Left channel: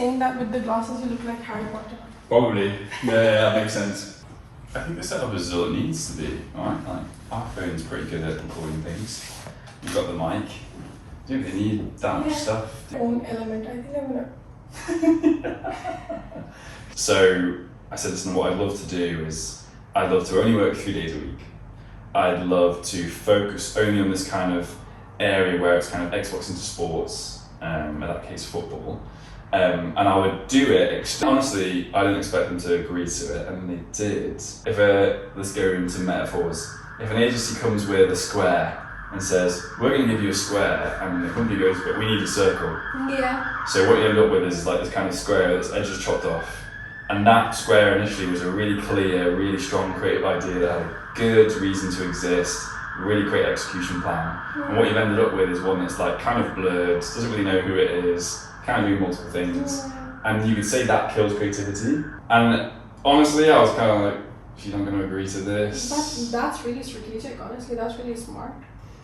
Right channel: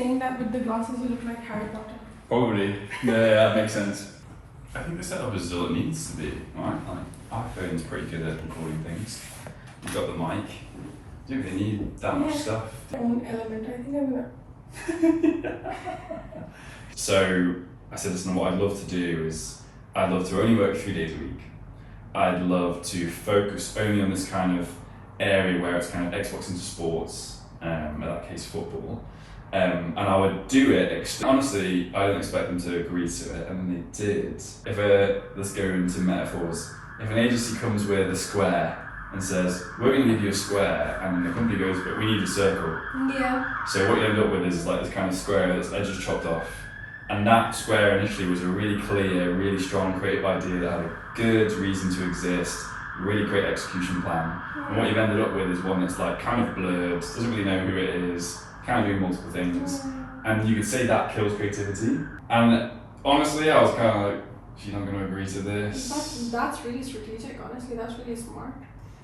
saying that with the glasses you look like Harry Potter. Probably. Yeah, that makes sense. I think the setup is all it needs to be, right? Like, our phone's pretty good at recording things. You've got the mic. You don't really need that much stuff. Own element. I think I'm gonna. So I said, listen, what I'd love to do is I'd love to only work 3 days a week. I'd love to focus only on this kind of area where it's kind of Xbox into sports, in that case football. And I would do it, honestly, I didn't expect them to agree to it, and they did. Let's go into metaphors. If an agency comes with a square and says, we're going to give you a square, and the company goes, but we need a circle. Yeah. So what you end up with is like this kind of square that's edges chopped off. And that square initially was a really clear, really strong creative idea that had a good reason to exist, really great execution plan. And what you've ended up with is one that's like kind of blurred, doesn't really know who it is, kind of doing multiple things. And you could say that kills creativity. And honestly, I was kind of like, she's not going to agree to this. That's really strategic, honestly, that's really smart.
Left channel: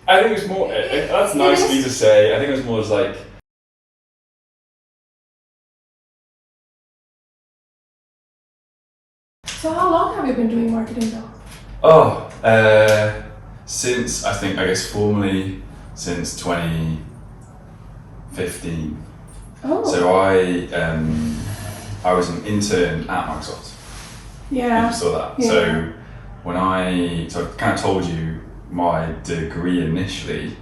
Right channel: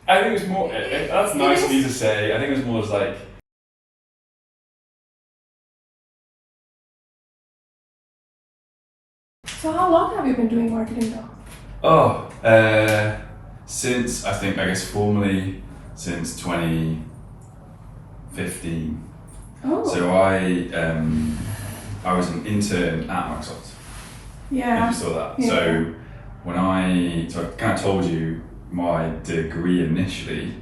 I think it's more, that's nice of me to say, I think it was more as like, So how long have you been doing marketing though? Since, I guess formally, since 2015. Oh. So I was an intern at Microsoft. Yeah. If you saw that. Yeah. So I kind of told you my degree initially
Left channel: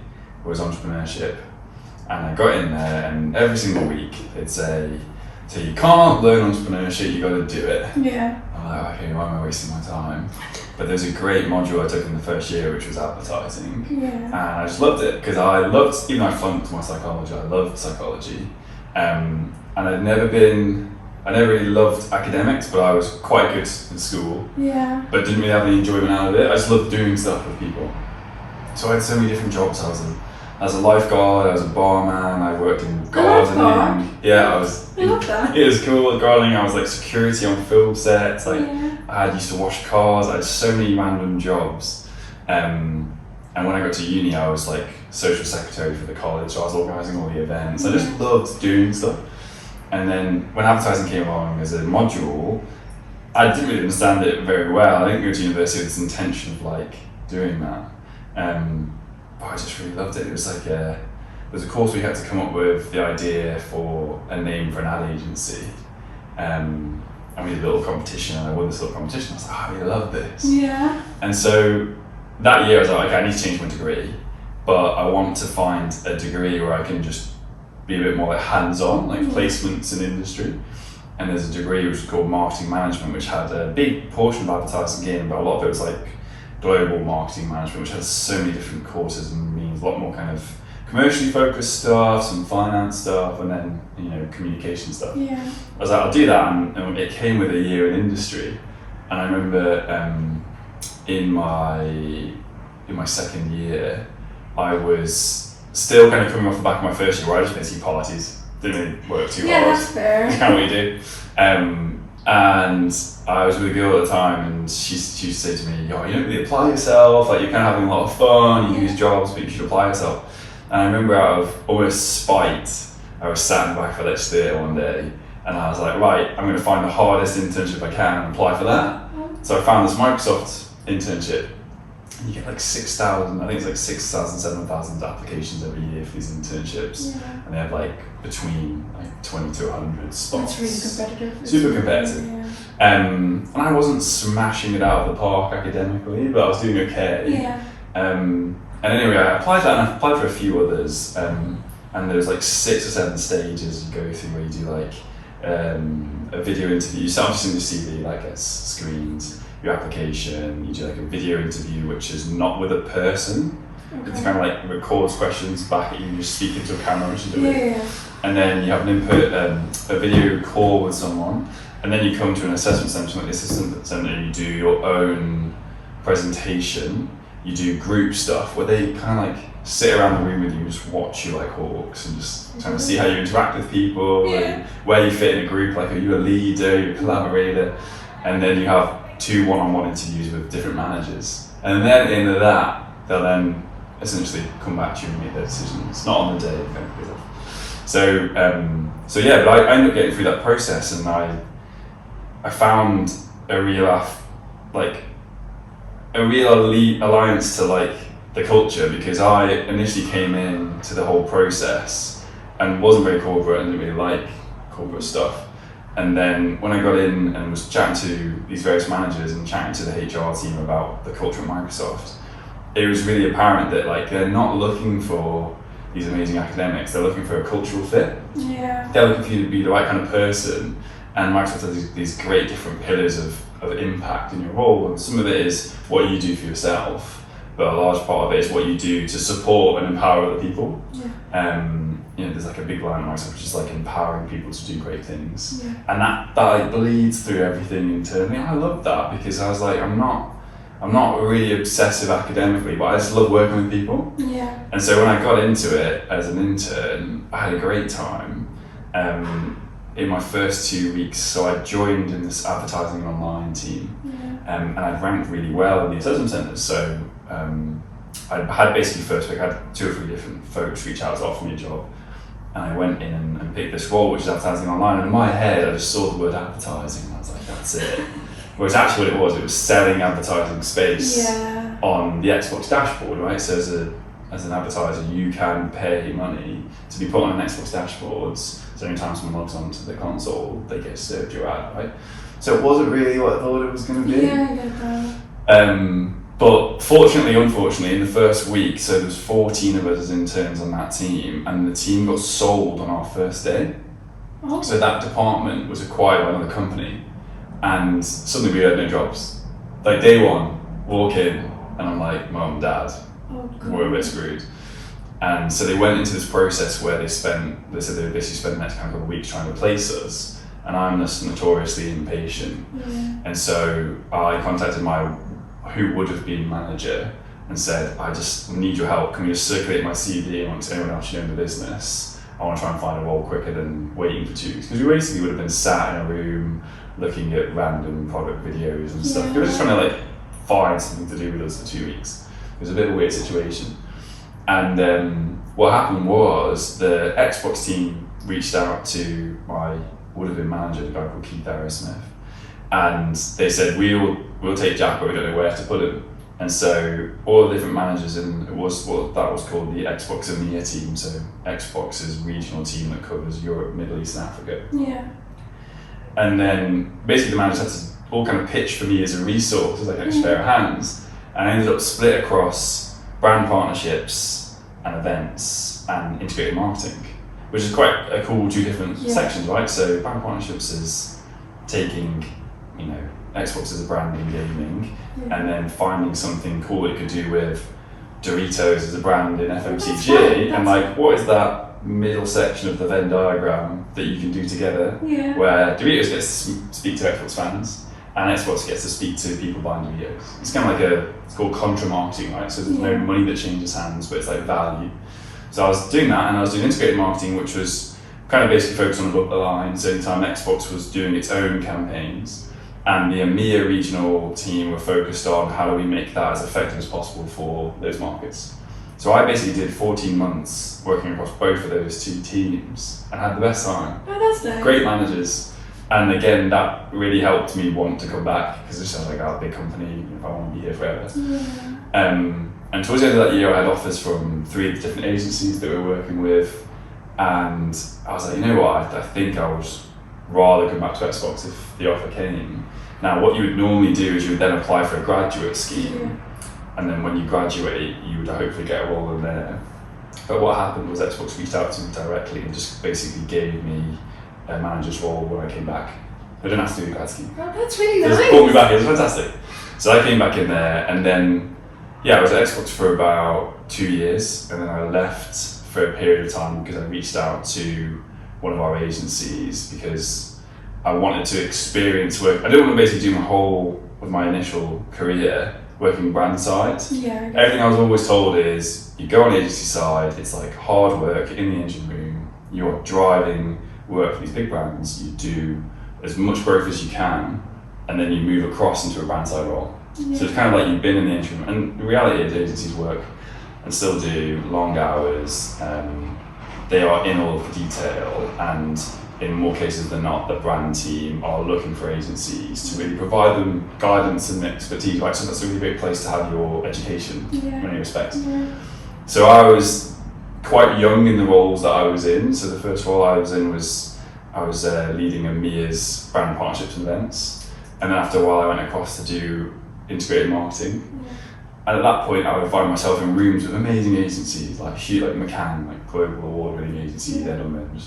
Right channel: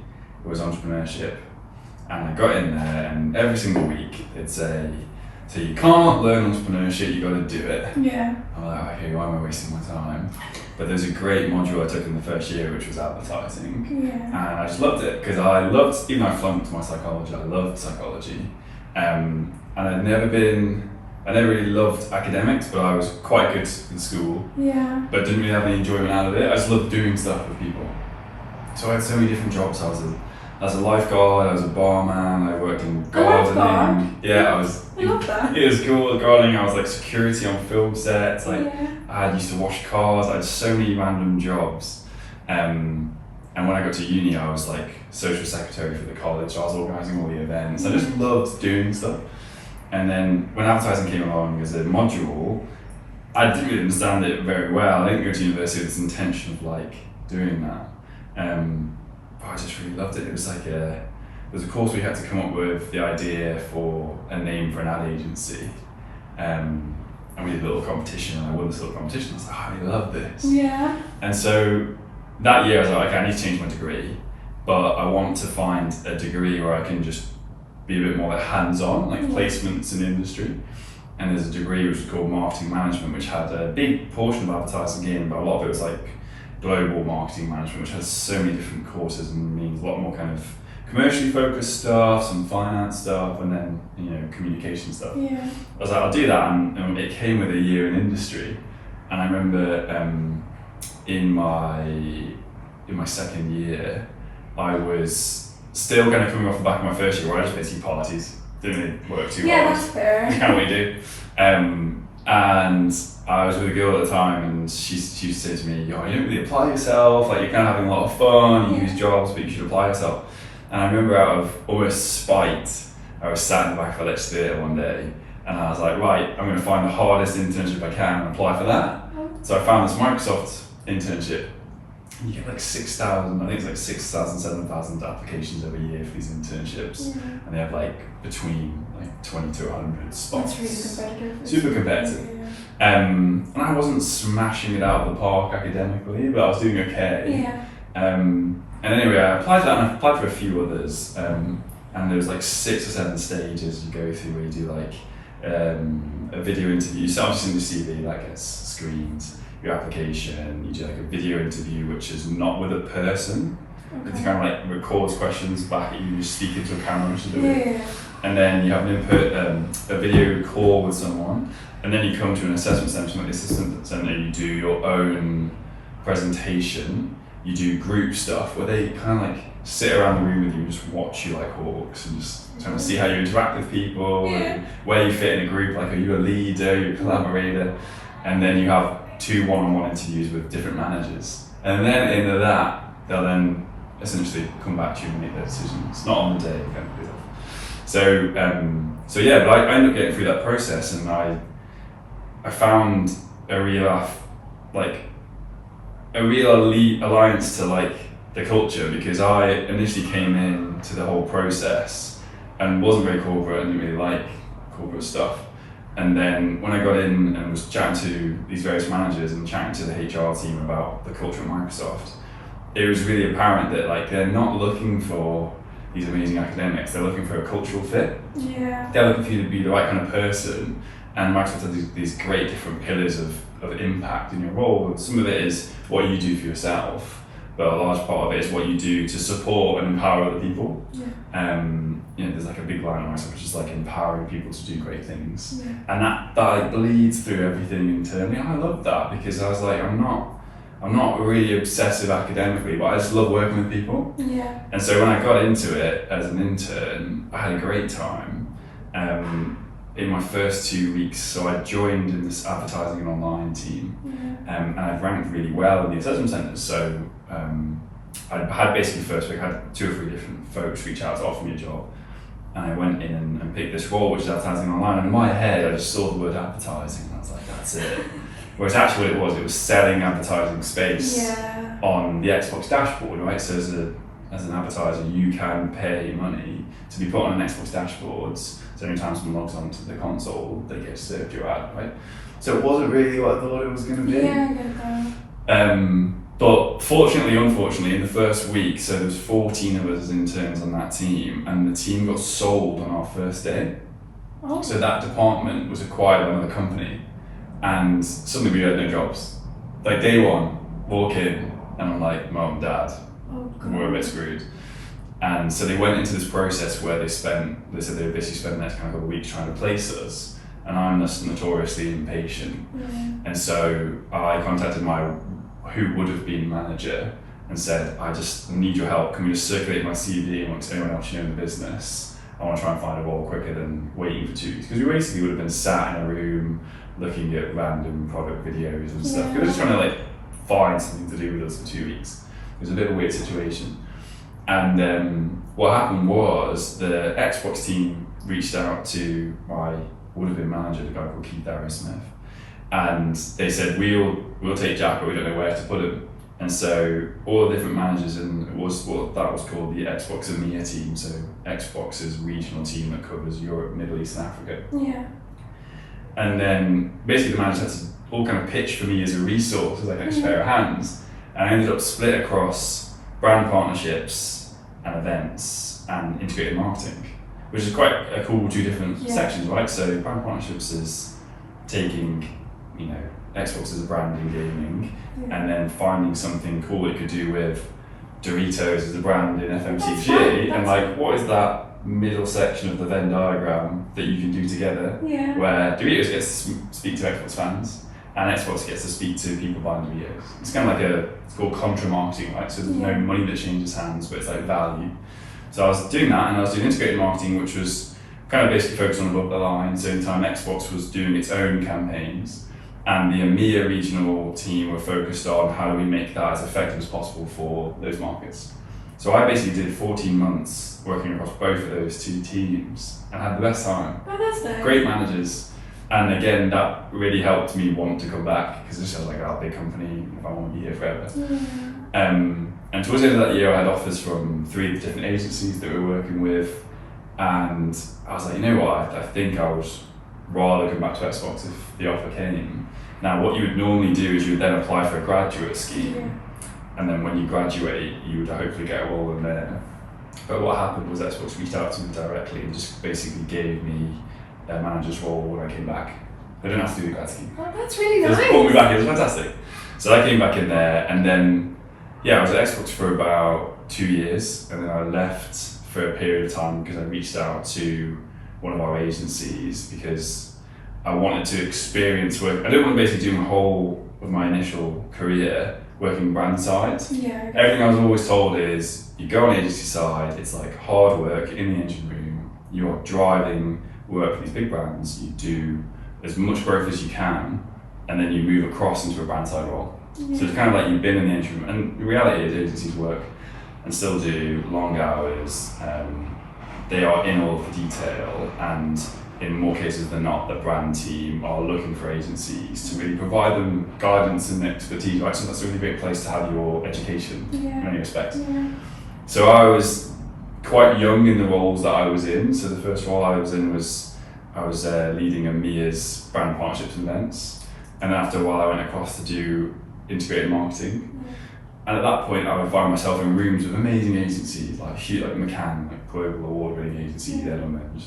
was entrepreneurship, and I got in there, and every single week they'd say, so you can't learn entrepreneurship, you got to do it. Yeah. I'm like, okay, why am I wasting my time? But there's a great module I took in the first year, which was advertising. Yeah. And I just loved it, because I loved, even though I flunked my psychology, I loved psychology. And I never really loved academics, but I was quite good in school. Yeah. But didn't really have any enjoyment out of it. I just loved doing stuff with people. So I had so many different jobs. I was a lifeguard, I was a barman, I worked in gardening. Yeah, I love that. It was cool. Gardening, I was like security on film sets. Like Yeah. I used to wash cars. I had so many random jobs. And when I got to uni, I was like social secretary for the college. So I was organising all the events. I just loved doing stuff. And then when advertising came along as a module, I didn't really understand it very well. I didn't go to university with this intention of like doing that. But I just really loved it. It was like there's a course we had to come up with the idea for a name for an ad agency. And we did a little competition, and I won this little competition. I was like, oh, I really love this. Yeah. And so that year I was like, okay, I need to change my degree, but I want to find a degree where I can just be a bit more like hands-on, like placements in industry. And there's a degree which is called marketing management, which had a big portion of advertising in, but a lot of it was like global marketing management, which has so many different courses and means a lot more kind of commercially focused stuff, some finance stuff, and then communication stuff. Yeah. I was like, I'll do that, and it came with a year in industry. And I remember in my second year, I was still kind of coming off the back of my first year, where I just basically parties, didn't really work too hard. Yeah, that's fair. It's kind of what you do. And I was with a girl at the time, and she used to say to me, "Yo, you don't really apply yourself. Like you're kind of having a lot of fun. You use jobs, but you should apply yourself." And I remember, out of almost spite, I was sat in the back of a lecture theatre one day, and I was like, "Right, I'm going to find the hardest internship I can and apply for that." So I found this Microsoft internship. You get like 6,000, I think it's like 6,000, 7,000 applications every year for these internships. Yeah. And they have like between like 20 to 100 spots. That's really competitive. Super competitive. Yeah. And I wasn't smashing it out of the park academically, but I was doing okay. Yeah. And anyway, I applied that, and I applied for a few others. And there was like 6 or 7 stages you go through where you do like a video interview. You start just in the CV, that gets screened. Your application, you do like a video interview, which is not with a person. Okay. It's kind of like records questions back at you, just speaking to a camera, which you do. Yeah. And then you have an input, a video call with someone, and then you come to an assessment centre. Like the assessment centre, you do your own presentation. You do group stuff where they kind of like sit around the room with you and just watch you like hawks, and just trying to see how you interact with people, and where you fit in a group. Like, are you a leader? Are you a collaborator? And then you have 2 one-on-one interviews with different managers, and then at the end of that, they'll then essentially come back to you and make their decisions. Not on the day, kind of. So yeah, but I ended up getting through that process, and I found a real alliance to like the culture, because I initially came in to the whole process and wasn't very corporate and didn't really like corporate stuff. And then when I got in and was chatting to these various managers and chatting to the HR team about the culture at Microsoft, it was really apparent that like they're not looking for these amazing academics, they're looking for a cultural fit. Yeah. They're looking for you to be the right kind of person, and Microsoft has these great different pillars of impact in your role. And some of it is what you do for yourself, but a large part of it is what you do to support and empower other people. Yeah. There's like a big line on Microsoft which is like empowering people to do great things. Yeah. And that like bleeds through everything internally. I love that, because I was like, I'm not really obsessive academically, but I just love working with people. Yeah. And so when I got into it as an intern, I had a great time in my first 2 weeks. So I joined in this advertising and online team, and I ranked really well in the assessment centres. So I had basically first week, I had 2 or 3 different folks reach out to offer me a job. And I went in and picked this role, which is advertising online. And in my head, I just saw the word advertising, and I was like, that's it. Whereas actually what it was selling advertising space on the Xbox dashboard, right? So as an advertiser, you can pay money to be put on an Xbox dashboards. So anytime someone logs onto the console, they get served your ad, right? So it wasn't really what I thought it was going to be. Yeah, I get that. But unfortunately, in the first week, so there was 14 of us as interns on that team, and the team got sold on our first day. Oh. So that department was acquired by another company, and suddenly we had no jobs. Like day one, walk in, and I'm like, Mum, Dad, we're a bit screwed. And so they went into this process where they said they would basically spend the next kind of a week trying to replace us, and I'm just notoriously impatient. And so I contacted who would have been manager and said, I just need your help. Can we just circulate my CV amongst anyone else you know in the business? I want to try and find a role quicker than waiting for 2 weeks. Because we basically would have been sat in a room looking at random product videos and stuff. We were just trying to like find something to do with us for 2 weeks. It was a bit of a weird situation. And what happened was the Xbox team reached out to my would have been manager, a guy called Keith Aerosmith. And they said, we'll take Jack, but we don't know where to put him. And so all the different managers, and it was what that was called the Xbox EMEA team. So Xbox's regional team that covers Europe, Middle East, and Africa. Yeah. And then basically the managers had to all kind of pitch for me as a resource, as like an extra pair of hands. And I ended up split across brand partnerships and events and integrated marketing, which is quite a cool 2 different sections, right? So brand partnerships is taking, Xbox as a brand in gaming, and then finding something cool it could do with Doritos as a brand in FMCG, and like, what is that middle section of the Venn diagram that you can do together, where Doritos gets to speak to Xbox fans, and Xbox gets to speak to people buying Doritos. It's kind of like it's called contra marketing, right? So there's no money that changes hands, but it's like value. So I was doing that, and I was doing integrated marketing, which was kind of basically focused on above the line. So anytime Xbox was doing its own campaigns, and the EMEA regional team were focused on how do we make that as effective as possible for those markets. So I basically did 14 months working across both of those 2 teams and had the best time. Oh, that's nice. Great managers. And again, that really helped me want to come back, because this sounds like a big company if I want to be here forever. And towards the end of that year, I had offers from 3 different agencies that we were working with. And I was like, you know what, I think I would rather come back to Xbox if the offer came. Now, what you would normally do is you would then apply for a graduate scheme, and then when you graduate, you would hopefully get a role in there. But what happened was Xbox reached out to me directly and just basically gave me a manager's role when I came back. I didn't have to do the grad scheme. Oh, that's really nice. They just brought me back, it was fantastic. So I came back in there, and then, I was at Xbox for about 2 years, and then I left for a period of time because I reached out to one of our agencies because I wanted to experience work. I didn't want to basically do my whole of my initial career working brand side. Everything I was always told is you go on the agency side, it's like hard work in the engine room, you're driving work for these big brands, you do as much growth as you can, and then you move across into a brand side role. So it's kind of like you've been in the engine room, and the reality is agencies work and still do long hours, they are in all of the detail, and in more cases than not, the brand team are looking for agencies to really provide them guidance and expertise, right? So that's a really great place to have your education in many respects. So I was quite young in the roles that I was in. So the first role I was in was I was leading EMEA's brand partnerships and events, and then after a while I went across to do integrated marketing. And at that point, I would find myself in rooms with amazing agencies like McCann, like global award-winning agency,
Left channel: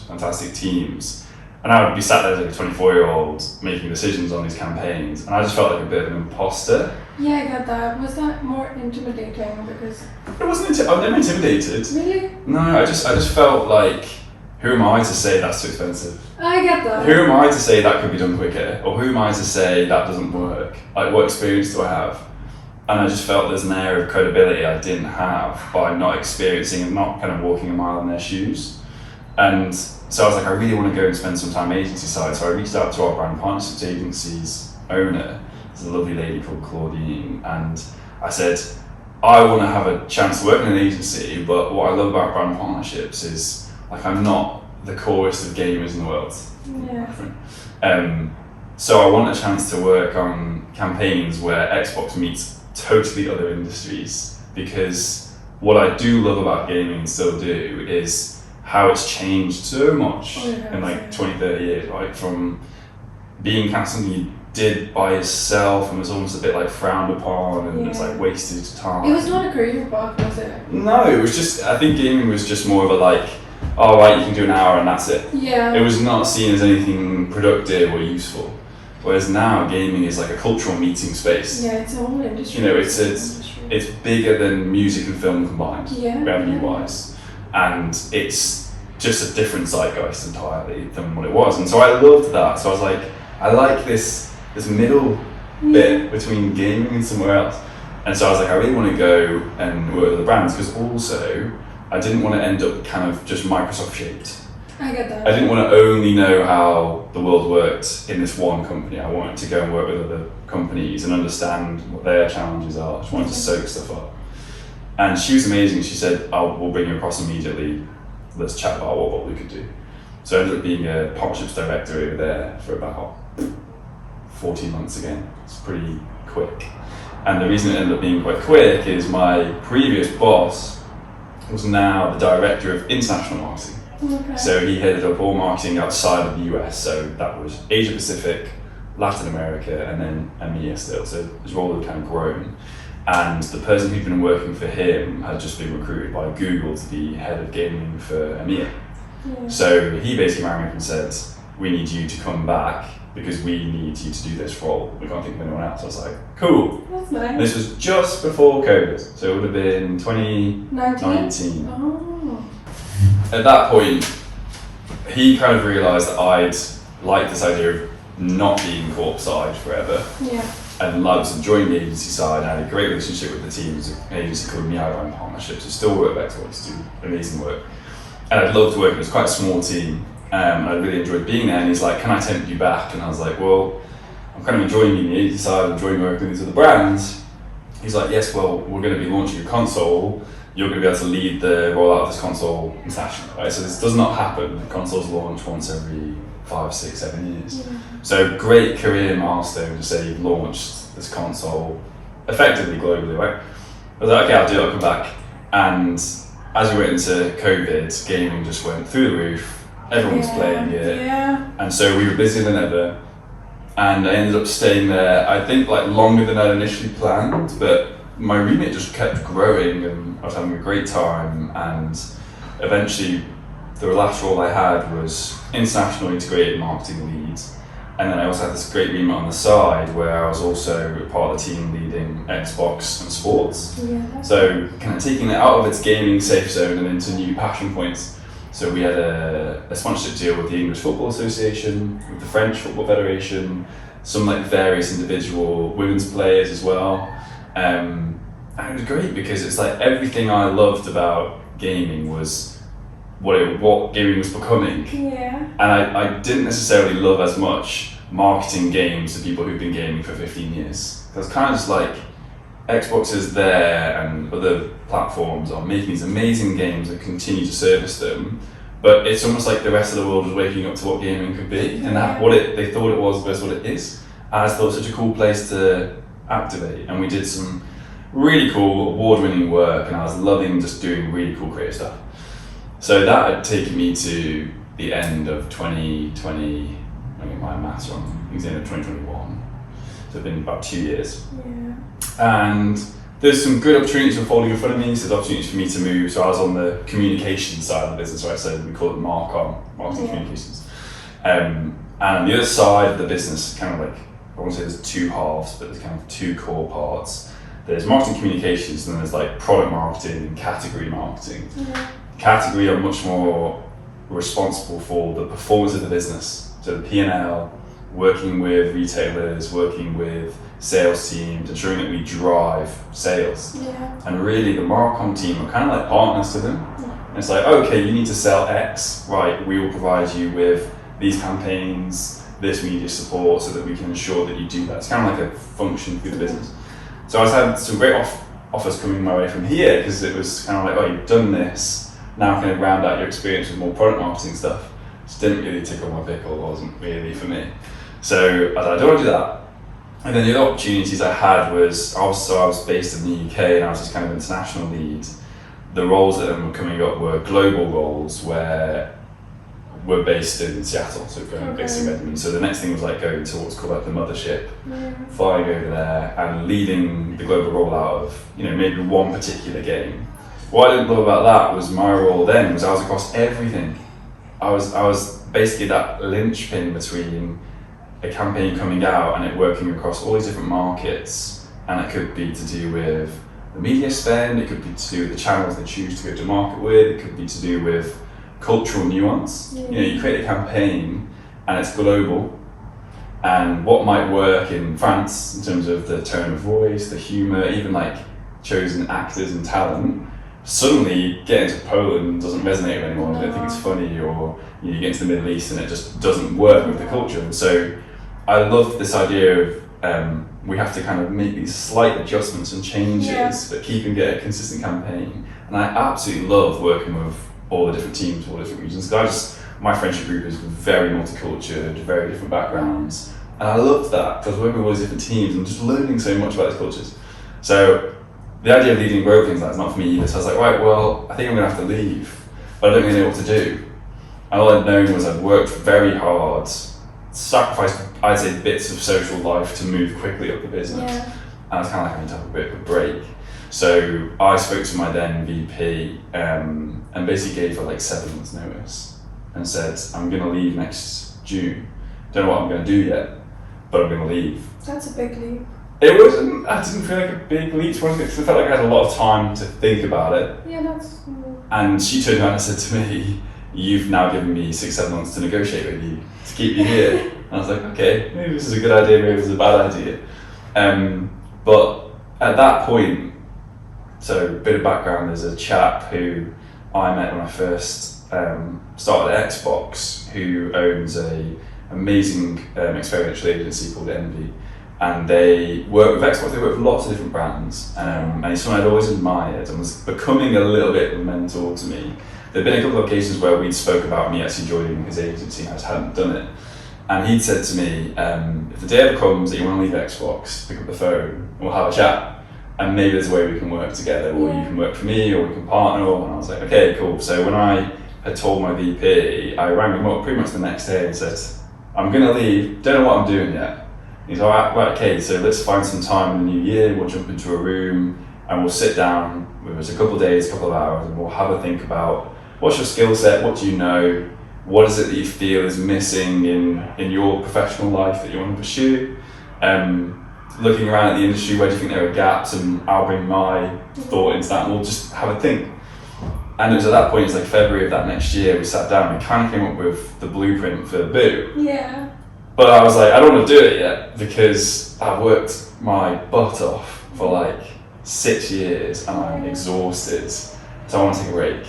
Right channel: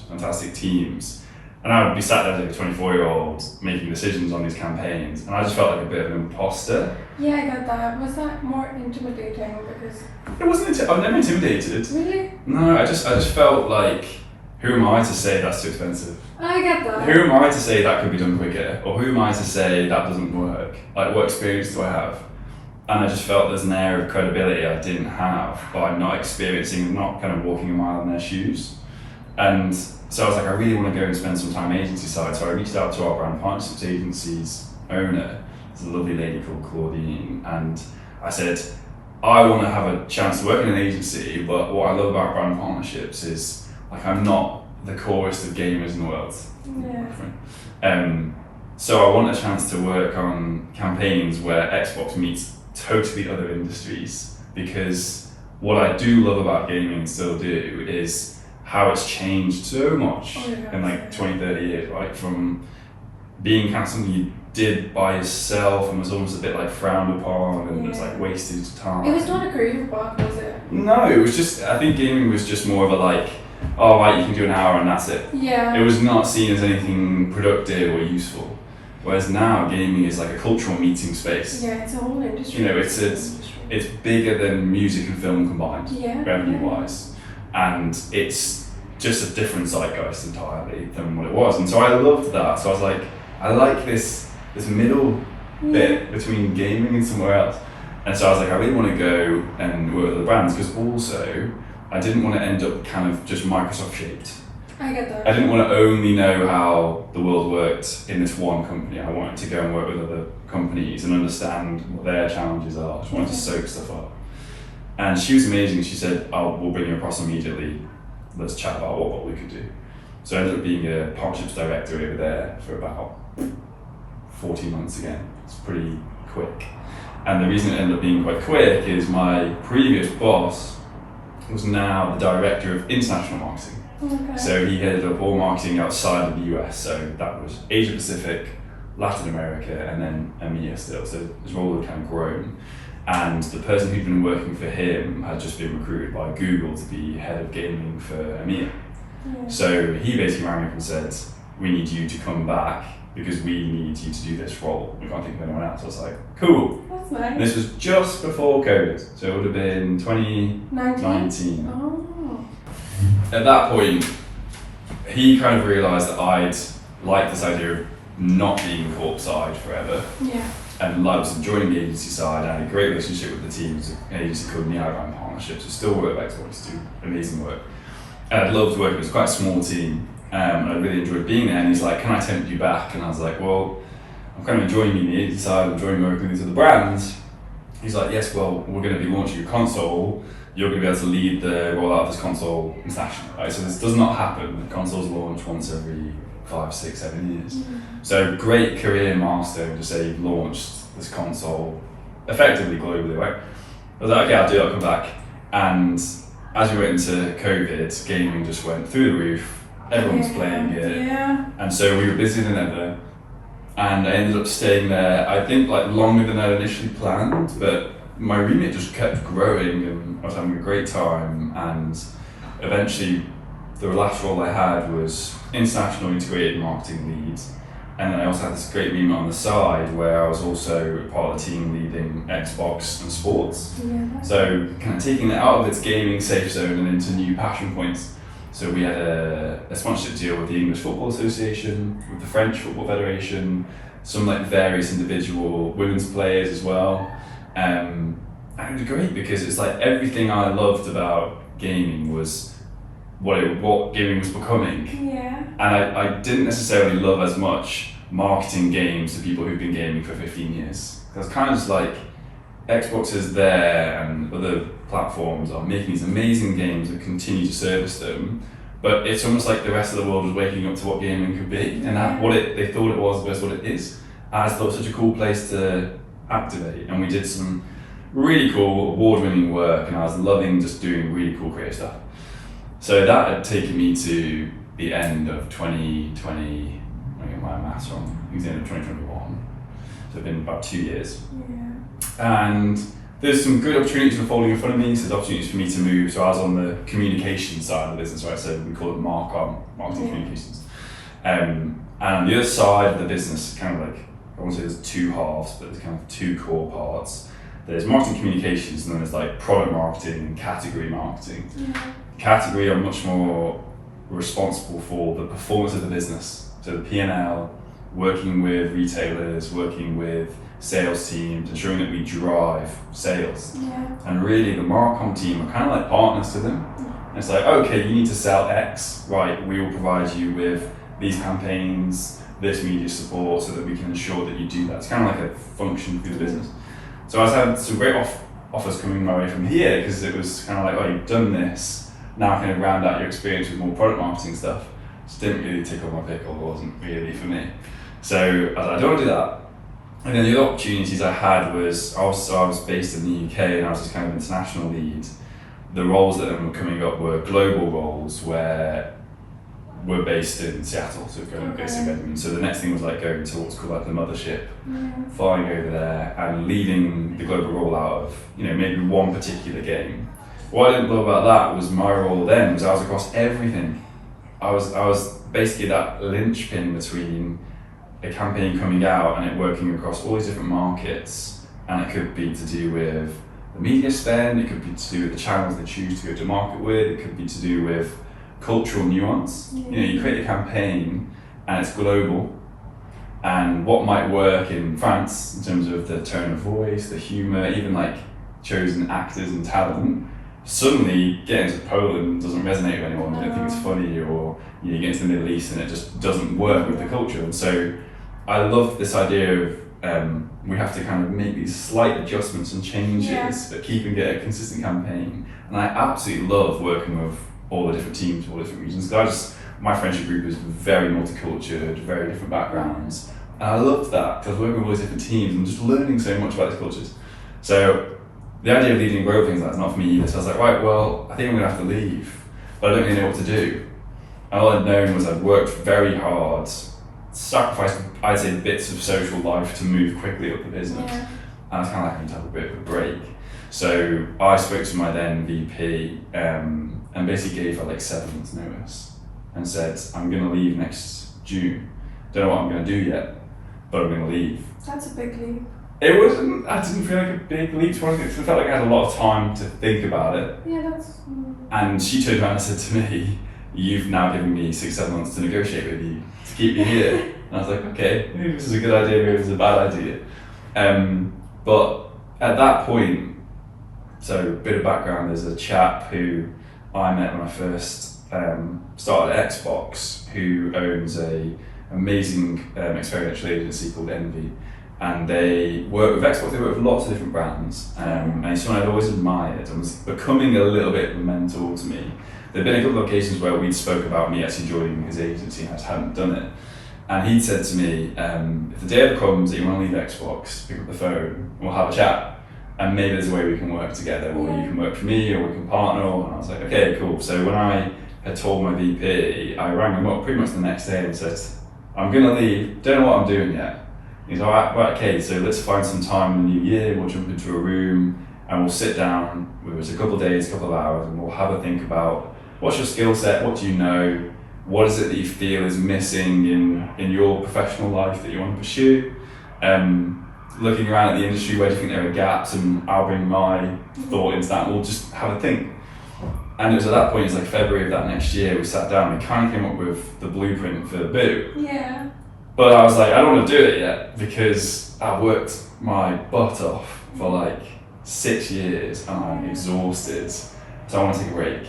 fantastic teams. And I would be sat there as like a 24-year-old making decisions on these campaigns, and I just felt like a bit of an imposter. Yeah, I got that. Was that more intimidating because? It wasn't. I was never intimidated. Really? No, I just felt like, who am I to say that's too expensive? I get that. Who am I to say that could be done quicker, or who am I to say that doesn't work? Like, what experience do I have? And I just felt there's an air of credibility I didn't have by not experiencing and not kind of walking a mile in their shoes. And so I was like, I really want to go and spend some time agency side. So I reached out to our brand partnerships agency's owner, it's a lovely lady called Claudine, and I said, I want to have a chance to work in an agency, but what I love about brand partnerships is like I'm not the chorus of gamers in the world. So I want a chance to work on campaigns where Xbox meets totally other industries, because what I do love about gaming and still do is how it's changed so much in like 20, 30 years, right? From being kind of something you did by yourself and was almost a bit like frowned upon and it's like wasted time. It was not a career path, was it? No, it was just, I think gaming was just more of a like, oh right, you can do an hour and that's it. Yeah. It was not seen as anything productive or useful. Whereas now gaming is like a cultural meeting space. Yeah, it's a whole industry. You know, it's bigger than music and film combined, revenue-wise, and it's just a different zeitgeist entirely than what it was. And so I loved that. So I was like, I like this middle bit between gaming and somewhere else. And so I was like, I really want to go and work with the brands, because also I didn't want to end up kind of just Microsoft shaped. I get that. I didn't want to only know how the world worked in this one company. I wanted to go and work with other companies and understand what their challenges are. I just wanted to soak stuff up. And she was amazing. She said, we'll bring you across immediately. Let's chat about what we could do. So I ended up being a partnerships director over there for about 14 months again. It's pretty quick. And the reason it ended up being quite quick is my previous boss was now the director of international marketing. Okay. So he headed up all marketing outside of the US, so that was Asia Pacific, Latin America, and then EMEA still. So his role had kind of grown. And the person who'd been working for him had just been recruited by Google to be head of gaming for EMEA. So he basically rang me up and said, we need you to come back because we need you to do this role. We can't think of anyone else. I was like, cool. That's nice. This was just before COVID, so it would have been 2019. Oh. At that point, he kind of realised that I'd like this idea of not being corp-side forever. Yeah. And I was enjoying the agency side. I had a great relationship with the team. It was an agency called Meow Brand Partnerships, who still work with Xbox, do amazing work. And I loved working, it was quite a small team. And I really enjoyed being there. And he's like, can I tempt you back? And I was like, well, I'm kind of enjoying being the agency side, I'm enjoying working with these other brands. He's like, yes, well, we're going to be launching a console. You're going to be able to lead the rollout of this console internationally, right? So this does not happen. The consoles launch once every 5, 6, 7 years. So great career milestone to say you've launched this console effectively globally, right? I was like, okay, I'll do it, I'll come back. And as we went into COVID, gaming just went through the roof. Everyone was playing it. And so we were busier than ever. And I ended up staying there, I think like longer than I'd initially planned, but my remit just kept growing and I was having a great time. And eventually the last role I had was international integrated marketing lead. And then I also had this great remit on the side where I was also part of the team leading Xbox and sports. So kind of taking it out of its gaming safe zone and into new passion points. So we had a sponsorship deal with the English Football Association, with the French Football Federation, some like various individual women's players as well. And it was great because it's like everything I loved about gaming was what gaming was becoming. And I didn't necessarily love as much marketing games to people who've been gaming for 15 years. Because kind of just like Xbox is there and other platforms are making these amazing games that continue to service them, but it's almost like the rest of the world was waking up to what gaming could be, and that they thought it was versus what it is. And I thought it was such a cool place to activate, and we did some really cool award-winning work, and I was loving just doing really cool creative stuff. So that had taken me to the end of 2020, I get my maths wrong, it was the end of 2021. So it's been about 2 years. Yeah. And there's some good opportunities unfolding in front of me, so there's opportunities for me to move. So I was on the communication side of the business, right? So we call it marketing communications. And on the other side of the business, kind of like, I won't say there's two halves, but there's kind of two core parts. There's marketing communications, and then there's like product marketing and category marketing. Yeah. Category are much more responsible for the performance of the business. So the P&L, working with retailers, working with sales teams, ensuring that we drive sales. Yeah. And really the Marcom team are kind of like partners to them. And it's like, okay, you need to sell X, right, we will provide you with these campaigns, this media support, so that we can ensure that you do that. It's kind of like a function through the business. So I was having some great offers coming my way from here, because it was kind of like, oh, you've done this, now kind of round out your experience with more product marketing stuff. Just didn't really tickle my pickle, it wasn't really for me. So I was like, I don't want to do that. And then the other opportunities I had was, also I was based in the UK and I was just kind of international lead. The roles that were coming up were global roles where we're based in Seattle, so we're based in Redmond. So the next thing was like going to what's called like the mothership, flying over there and leading the global rollout of, maybe one particular game. What I didn't love about that was my role then was I was across everything. I was basically that linchpin between a campaign coming out and it working across all these different markets, and it could be to do with the media spend, it could be to do with the channels they choose to go to market with, it could be to do with cultural nuance. You create a campaign and it's global, and what might work in France in terms of the tone of voice, the humour, even like chosen actors and talent, suddenly getting to Poland doesn't resonate with anyone. They don't think it's funny, or you get into the Middle East and it just doesn't work with the culture. And so I love this idea of we have to kind of make these slight adjustments and changes, but keeping it a consistent campaign. And I absolutely love working with all the different teams, all the different regions. My friendship group is very multicultural, very different backgrounds. And I loved that, because I was working with all these different teams and just learning so much about these cultures. So the idea of leading and growing things like that's not for me either. So I was like, right, well, I think I'm gonna have to leave, but I don't really know what to do. And all I'd known was I'd worked very hard, sacrificed, I'd say, bits of social life to move quickly up the business. And I was kind of like, I need to have a bit of a break. So I spoke to my then VP and basically gave her like 7 months notice and said, I'm gonna leave next June. Don't know what I'm gonna do yet, but I'm gonna leave. That's a big leap. It wasn't, I didn't feel like a big leap, because I felt like I had a lot of time to think about it. Yeah, that's... And she turned around and said to me, you've now given me 6-7 months to negotiate with you, to keep you here. And I was like, okay, maybe this is a good idea, maybe this is a bad idea. But at that point, so a bit of background, there's a chap who I met when I first started at Xbox, who owns a amazing experiential agency called Envy. And they work with Xbox, they work with lots of different brands. And he's someone I'd always admired and was becoming a little bit of a mentor to me. There'd been a couple of occasions where we'd spoke about me actually joining his agency and I just hadn't done it. And he'd said to me, if the day ever comes that you want to leave Xbox, pick up the phone and we'll have a chat. And maybe there's a way we can work together, or you can work for me, or we can partner. And I was like, okay, cool. So when I had told my VP, I rang him up pretty much the next day and said, I'm gonna leave, don't know what I'm doing yet. He's all right, okay, so let's find some time in the new year, we'll jump into a room and we'll sit down, it was a couple of days, couple of hours, and we'll have a think about what's your skill set, what do you know, what is it that you feel is missing in your professional life that you want to pursue, looking around at the industry, where do you think there are gaps, and I'll bring my thought into that and we'll just have a think. And it was at that point, it's like February of that next year, we sat down, we kind of came up with the blueprint for the Boo. Yeah. But I was like, I don't want to do it yet, because I've worked my butt off for like 6 years and I'm exhausted, so I want to take a break.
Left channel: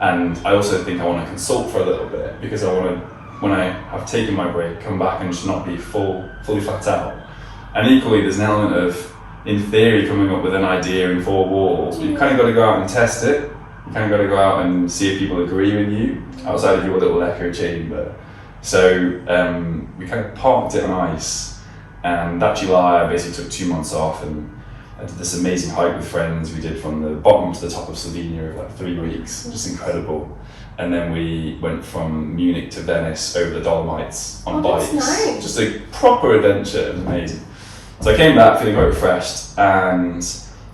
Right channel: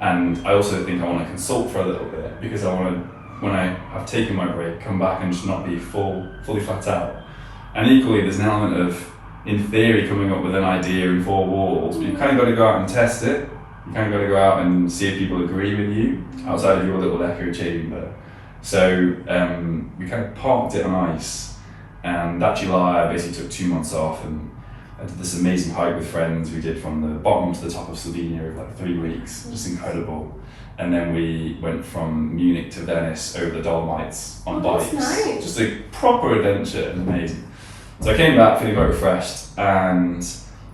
And I also think I want to consult for a little bit, because I want to, when I have taken my break, come back and just not be fully flat out. And equally, there's an element of, in theory, coming up with an idea in 4 walls, but you've kind of got to go out and test it. You kind of got to go out and see if people agree with you outside of your little echo chamber. So we kind of parked it on ice, and that July I basically took 2 months off, and I did this amazing hike with friends. We did from the bottom to the top of Slovenia over like 3 weeks, just incredible. And then we went from Munich to Venice over the Dolomites on bikes. That's nice. Just a proper adventure. It was amazing. So I came back feeling quite refreshed, and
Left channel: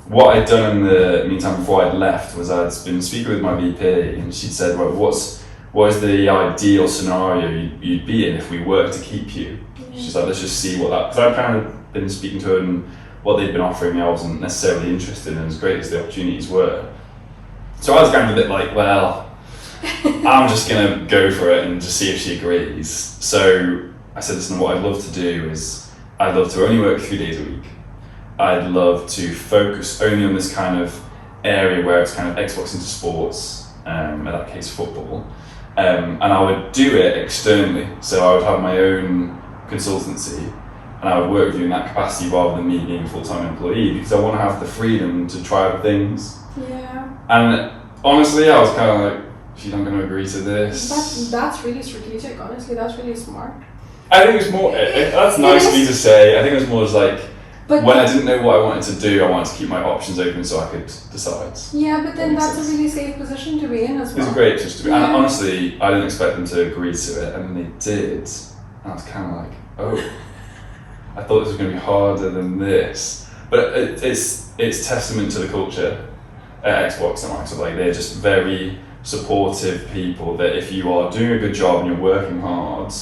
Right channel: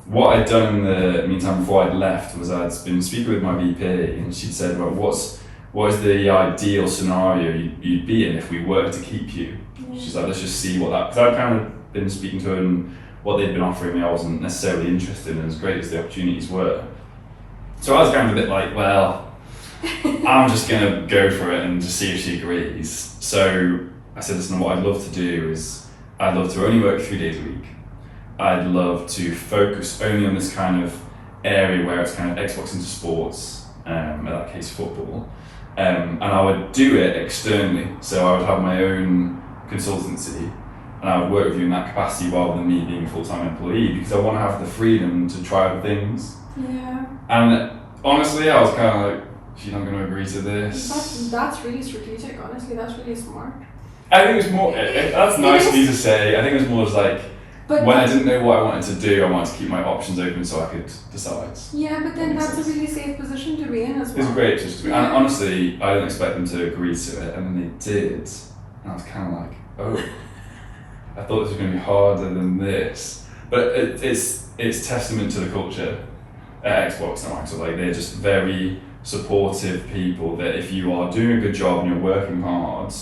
what I'd done in the meantime before I'd left was I'd been speaking with my VP, and she'd said, well, what is the ideal scenario you'd be in if we were to keep you? Yeah. She's like, let's just see what that, because I'd kind of been speaking to her, and what they'd been offering me I wasn't necessarily interested in, as great as the opportunities were. So I was kind of a bit like, well, I'm just going to go for it and just see if she agrees. So I said, listen, what I'd love to do is I'd love to only work 3 days a week. I'd love to focus only on this kind of area where it's kind of Xbox into sports, in that case football. And I would do it externally. So I would have my own consultancy, and I would work with you in that capacity rather than me being a full-time employee, because I want to have the freedom to try other things. Yeah. And honestly, I was kind of like, she's not going to agree to this. That's really strategic, honestly. That's really smart. I think it's more, that's nice of me to say. I think it was more just like, when I didn't know what I wanted to do, I wanted to keep my options open so I could decide. Yeah, but then that's a really safe position to be in as well. It's a great position to be in. Yeah. And honestly, I didn't expect them to agree to it, and then they did. And I was kind of like, oh, I thought this was going to be harder than this. But it's testament to the culture at Xbox and Microsoft. Like, they're just very supportive people that if you are doing a good job and you're working hard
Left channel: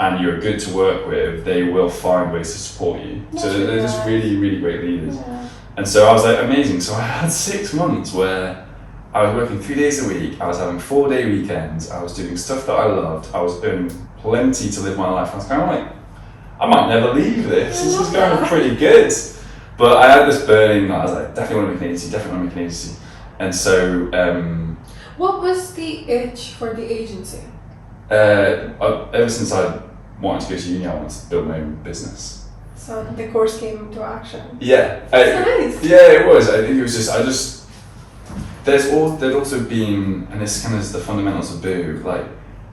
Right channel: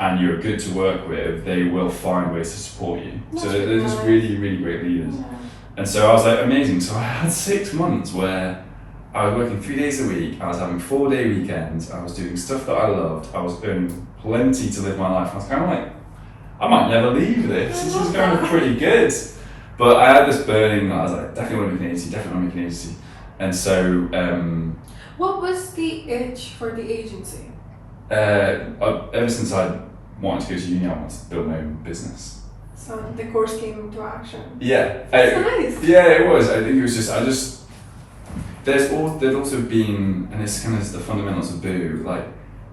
and you're good to work with, they will find ways to support you. That's so really they're just nice. really, really great leaders. Yeah. And so I was like, amazing. So I had 6 months where I was working 3 days a week, I was having 4-day weekends, I was doing stuff that I loved, I was earning plenty to live my life. I was kind of like, I might never leave this. This is kind of pretty good. But I had this burning that I was like, definitely want to make an agency, definitely want to make an agency. And so what was the itch for the agency? ever since I wanted to go to uni, I wanted to build my own business. So the course came into action. Yeah. That's nice. Yeah, it was. I think it was just, there's also been, and this kind of is the fundamentals of Boo, like,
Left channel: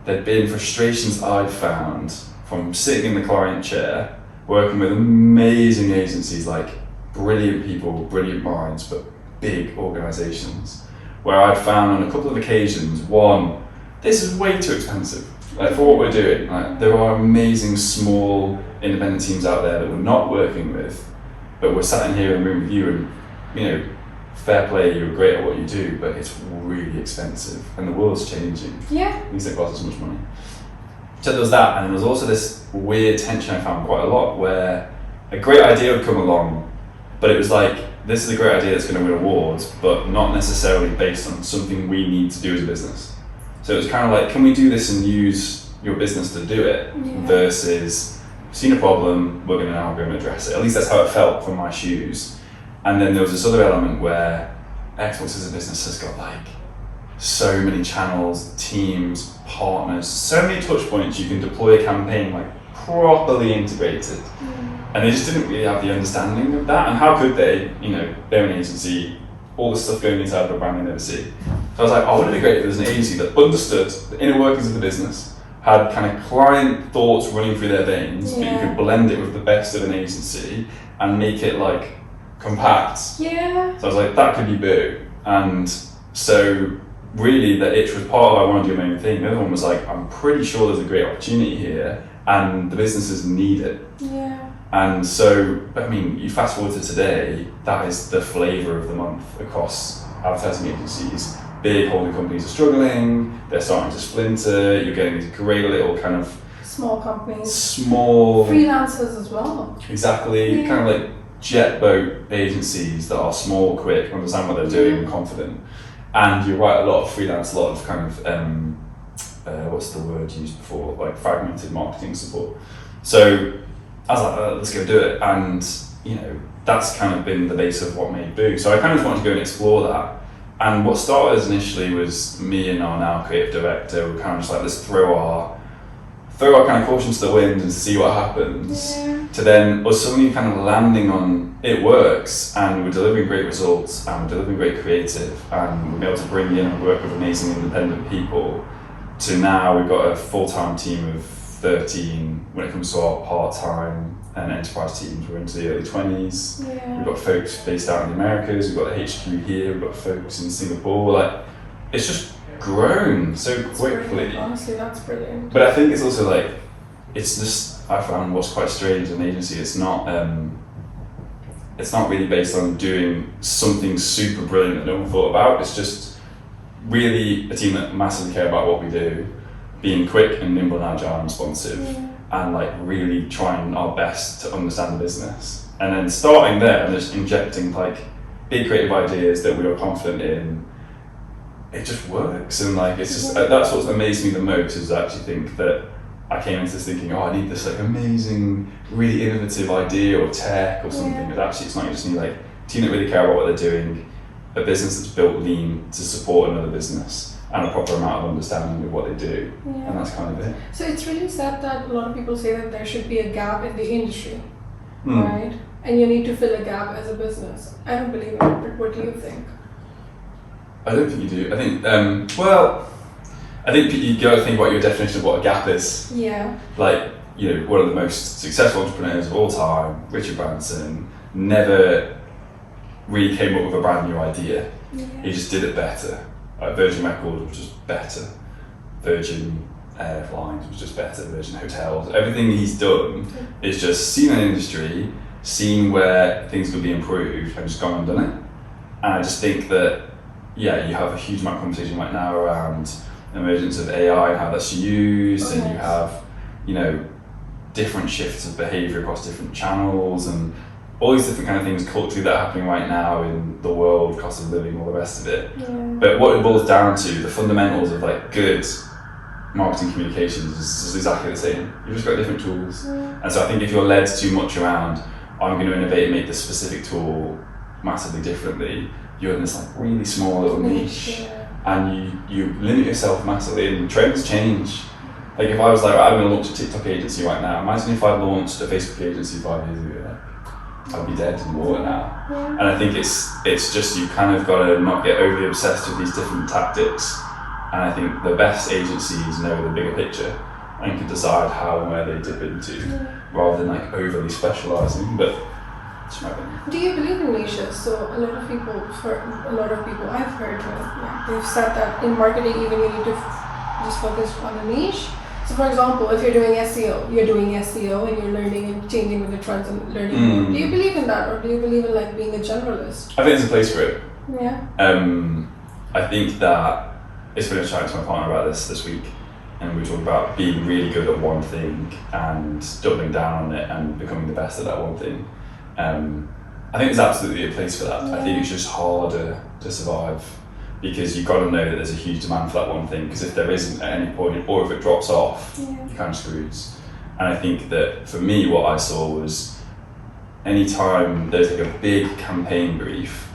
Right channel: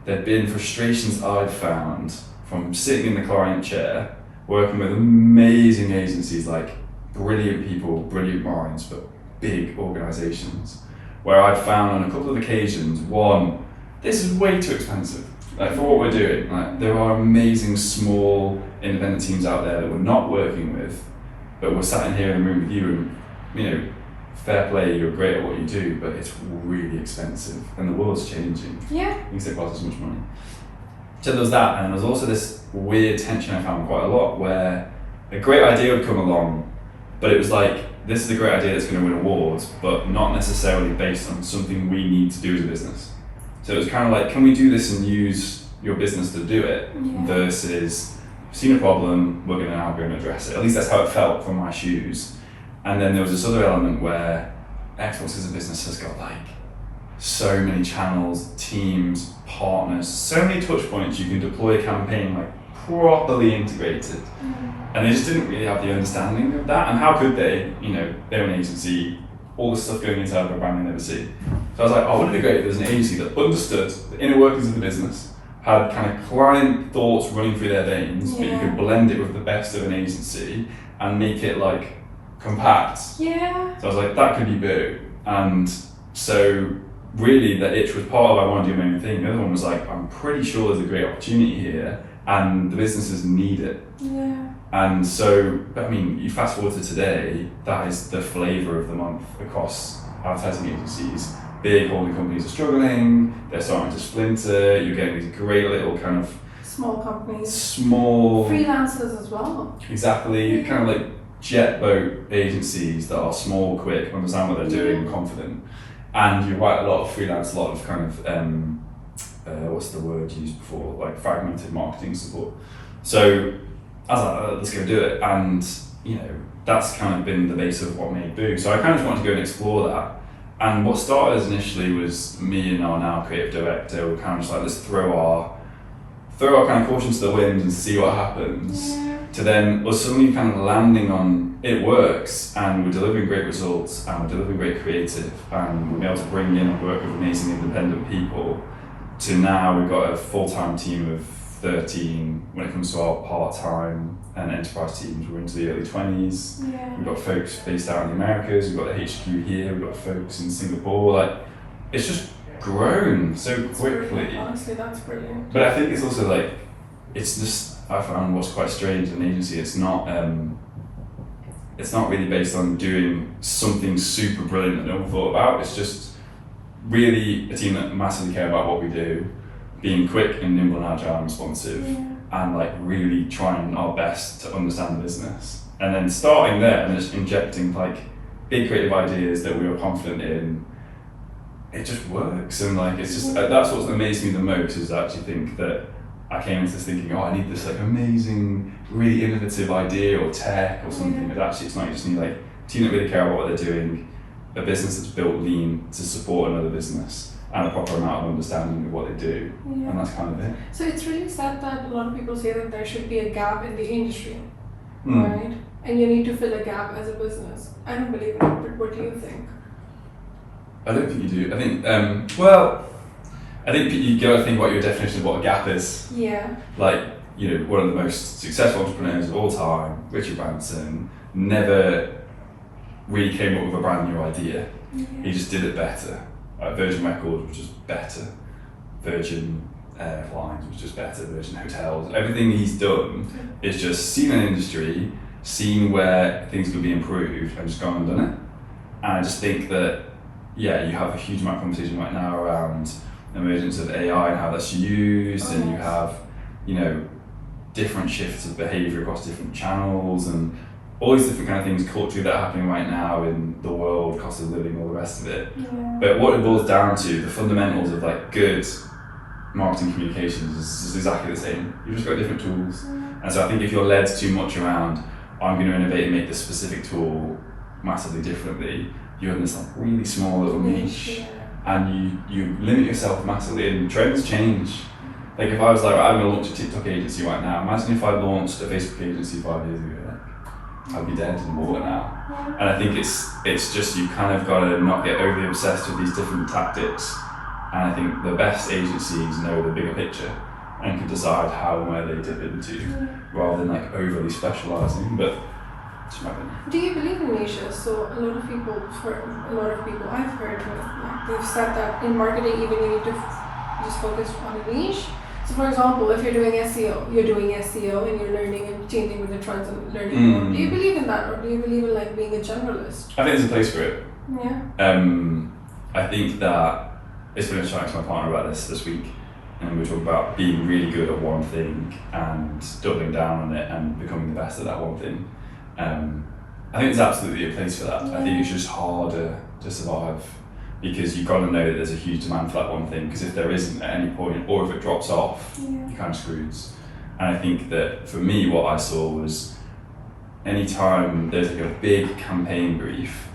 there'd been frustrations I'd found from sitting in the client chair, working with amazing agencies, like brilliant people, brilliant minds, but big organisations, where I'd found on a couple of occasions, one, this is way too expensive. Like, for what we're doing, like, there are amazing small independent teams out there that we're not working with, but we're sat in here in the room with you, and, you know, fair play, you're great at what you do, but it's really expensive, and the world's changing. Yeah. Things don't cost as much money. So there was that, and there was also this weird tension I found quite a lot, where a great idea would come along, but it was like, this is a great idea that's going to win awards, but not necessarily based on something we need to do as a business. So it was kind of like, can we do this and use your business to do it, versus, seen a problem, we're going to now go and address it. At least that's how it felt from my shoes. And then there was this other element where Xbox as a business has got like so many channels, teams, partners, so many touch points. You can deploy a campaign like properly integrated. And they just didn't really have the understanding of that. And how could they? You know, they're an agency, all the stuff going inside of a brand they never see. So I was like, oh, wouldn't it be great if there was an agency that understood the inner workings of the business, had kind of client thoughts running through their veins, but you could blend it with the best of an agency and make it like compact. Yeah. So I was like, that could be Boo. And so really the itch was part of, I want to do my own thing. The other one was like, I'm pretty sure there's a great opportunity here and the businesses need it. Yeah. And so, I mean, you fast forward to today, that is the flavour of the month across advertising agencies. Big holding companies are struggling, they're starting to splinter, you're getting these great little kind of small companies. Small freelancers as well. Exactly, kind of like jet boat agencies that are small, quick, understand what they're doing, and confident. And you're right, a lot of freelance, a lot of kind of, what's the word used before, like fragmented marketing support. So I was like, let's go do it. And, you know, that's kind of been the base of what made Boo. So I kind of just wanted to go and explore that. And what started initially was me and our now creative director were kind of just like, let's throw our kind of caution to the wind and see what happens. Yeah. to then us suddenly kind of landing on it works and we're delivering great results and we're delivering great creative and we're able to bring in and work with amazing independent people, to now we've got a full-time team of 13 when it comes to our part-time and enterprise teams. We're into the early 20s. Yeah. We've got folks based out in the Americas, we've got the HQ here, we've got folks in Singapore. Like, it's just grown so quickly. Brilliant. Honestly, that's brilliant. But I think it's also like, it's just, I found what's quite strange in an agency, it's not really based on doing something super brilliant that no one thought about. It's just really a team that massively care about what we do, being quick and nimble and agile and responsive, and like really trying our best to understand the business. And then starting there and just injecting like big creative ideas that we are confident in, it just works. And like, it's just, that's what's amazed me the most, is I actually think that I came into this thinking, oh, I need this like amazing, really innovative idea or tech or something. But actually it's not, you just need like a team that really care about what they're doing, a business that's built lean to support another business, and a proper amount of understanding of what they do. And that's kind of it. So it's really sad that a lot of people say that there should be a gap in the industry, right? And you need to fill a gap as a business. I don't believe in it, but what do you think? I don't think you do. I think, I think you got to think about your definition of what a gap is. Yeah. Like, you know, one of the most successful entrepreneurs of all time, Richard Branson, never really came up with a brand new idea. He just did it better. Like Virgin Records was just better. Virgin Airlines was just better. Virgin Hotels. Everything he's done is just seen an industry, seen where things could be improved, and just gone and done it. And I just think that, yeah, you have a huge amount of conversation right now around the emergence of AI and how that's used, and you have, you know, different shifts of behaviour across different channels, and all these different kind of things culturally that are happening right now in the world, cost of living, all the rest of it. But what it boils down to, the fundamentals of like good marketing communications is exactly the same. You've just got different tools. And so I think if you're led too much around, I'm going to innovate and make this specific tool massively differently, you're in this like really small little niche, and you limit yourself massively, and trends change. Like if I was like, I'm going to launch a TikTok agency right now, imagine if I launched a Facebook agency 5 years ago. I'd be dead in the water now. And I think it's just, you kind of got to not get overly obsessed with these different tactics. And I think the best agencies know the bigger picture and can decide how and where they dip into, rather than like overly specialising. But it's my opinion. Do you believe in niches? So a lot of people I've heard, they've said that in marketing even you need to just focus on a niche. So for example, if you're doing SEO and you're learning and changing with the trends and learning. Do you believe in that, or do you believe in like being a generalist? I think there's a place for it. Yeah. I think that it's been a chat to my partner about this week, and we were talking about being really good at one thing and doubling down on it and becoming the best at that one thing. I think there's absolutely a place for that. I think it's just harder to survive, because you've got to know that there's a huge demand for that one thing, because if there isn't at any point, or if it drops off, you're kind of screwed. And I think that for me, what I saw was, anytime there's like a big campaign brief,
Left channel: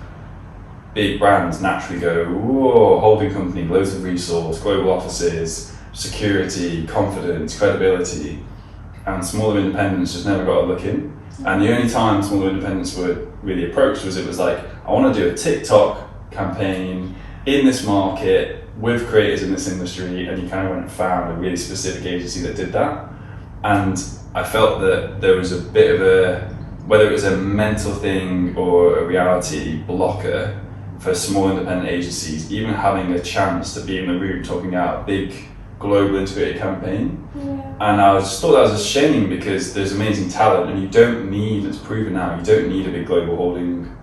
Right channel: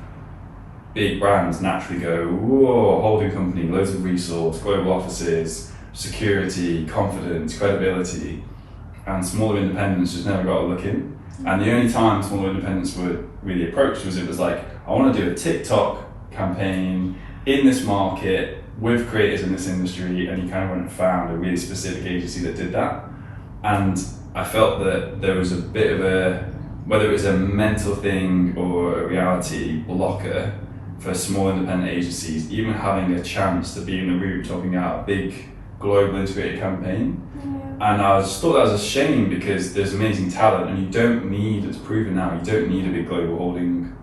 big brands naturally go, whoa, holding company, loads of resource, global offices, security, confidence, credibility, and smaller independents just never got a look in. And the only time smaller independents were really approached was, it was like, I want to do a TikTok campaign in this market with creators in this industry, and you kind of went and found a really specific agency that did that. And I felt that there was a bit of a, whether it was a mental thing or a reality blocker for small independent agencies, even having a chance to be in the room talking out a big global integrated campaign. And I just thought that was a shame, because there's amazing talent, and you don't need, it's proven now, you don't need a big global holding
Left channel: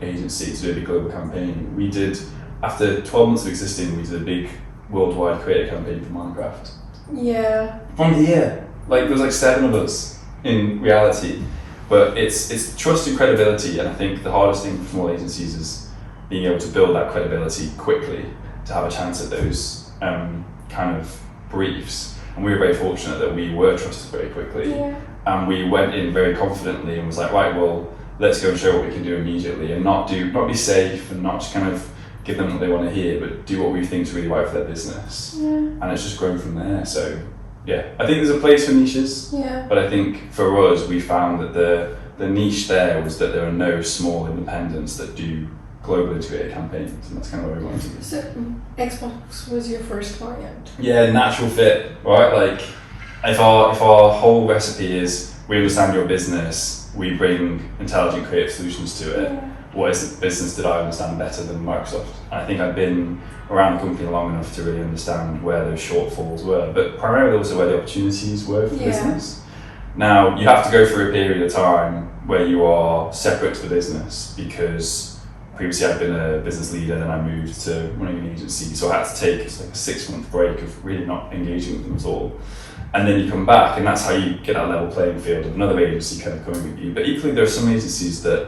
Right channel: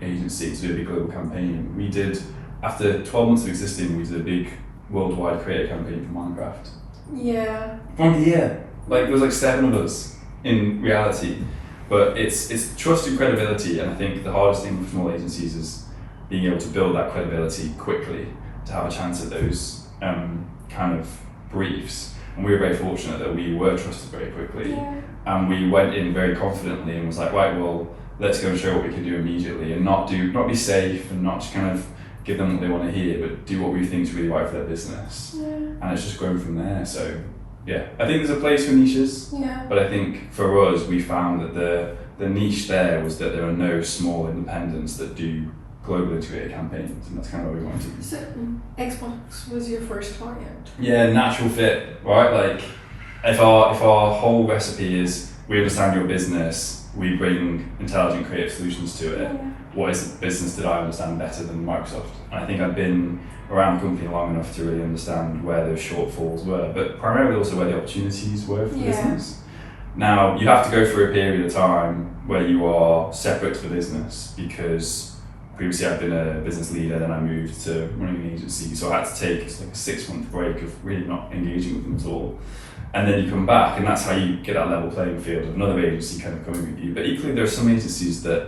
agency to do a big global campaign. We did, after 12 months of existing, we did a big worldwide creative campaign for Minecraft. Yeah. From the year. Like, there was like 7 of us in reality. But it's trust and credibility, and I think the hardest thing for small agencies is being able to build that credibility quickly to have a chance at those kind of briefs. And we were very fortunate that we were trusted very quickly. And we went in very confidently and was like, right, well, let's go and show what we can do immediately, and not be safe and not just kind of give them what they want to hear, but do what we think is really right for their business. And it's just grown from there. So yeah, I think there's a place for niches, Yeah. but I think for us, we found that the niche there was that there are no small independents that do global integrated campaigns, and that's kind of what we wanted to do. So Xbox was your first client. Yeah, natural fit, right? Like, if our whole recipe is we understand your business, we bring intelligent creative solutions to it. Yeah. What is the business that I understand better than Microsoft? And I think I've been around the company long enough to really understand where those shortfalls were, but primarily also where the opportunities were for the business. Now, you have to go through a period of time where you are separate to the business, because previously I'd been a business leader, then I moved to running an agency, so I had to take like a 6-month break of really not engaging with them at all. And then you come back, and that's how you get that level playing field of another agency kind of coming with you. But equally, there are some agencies that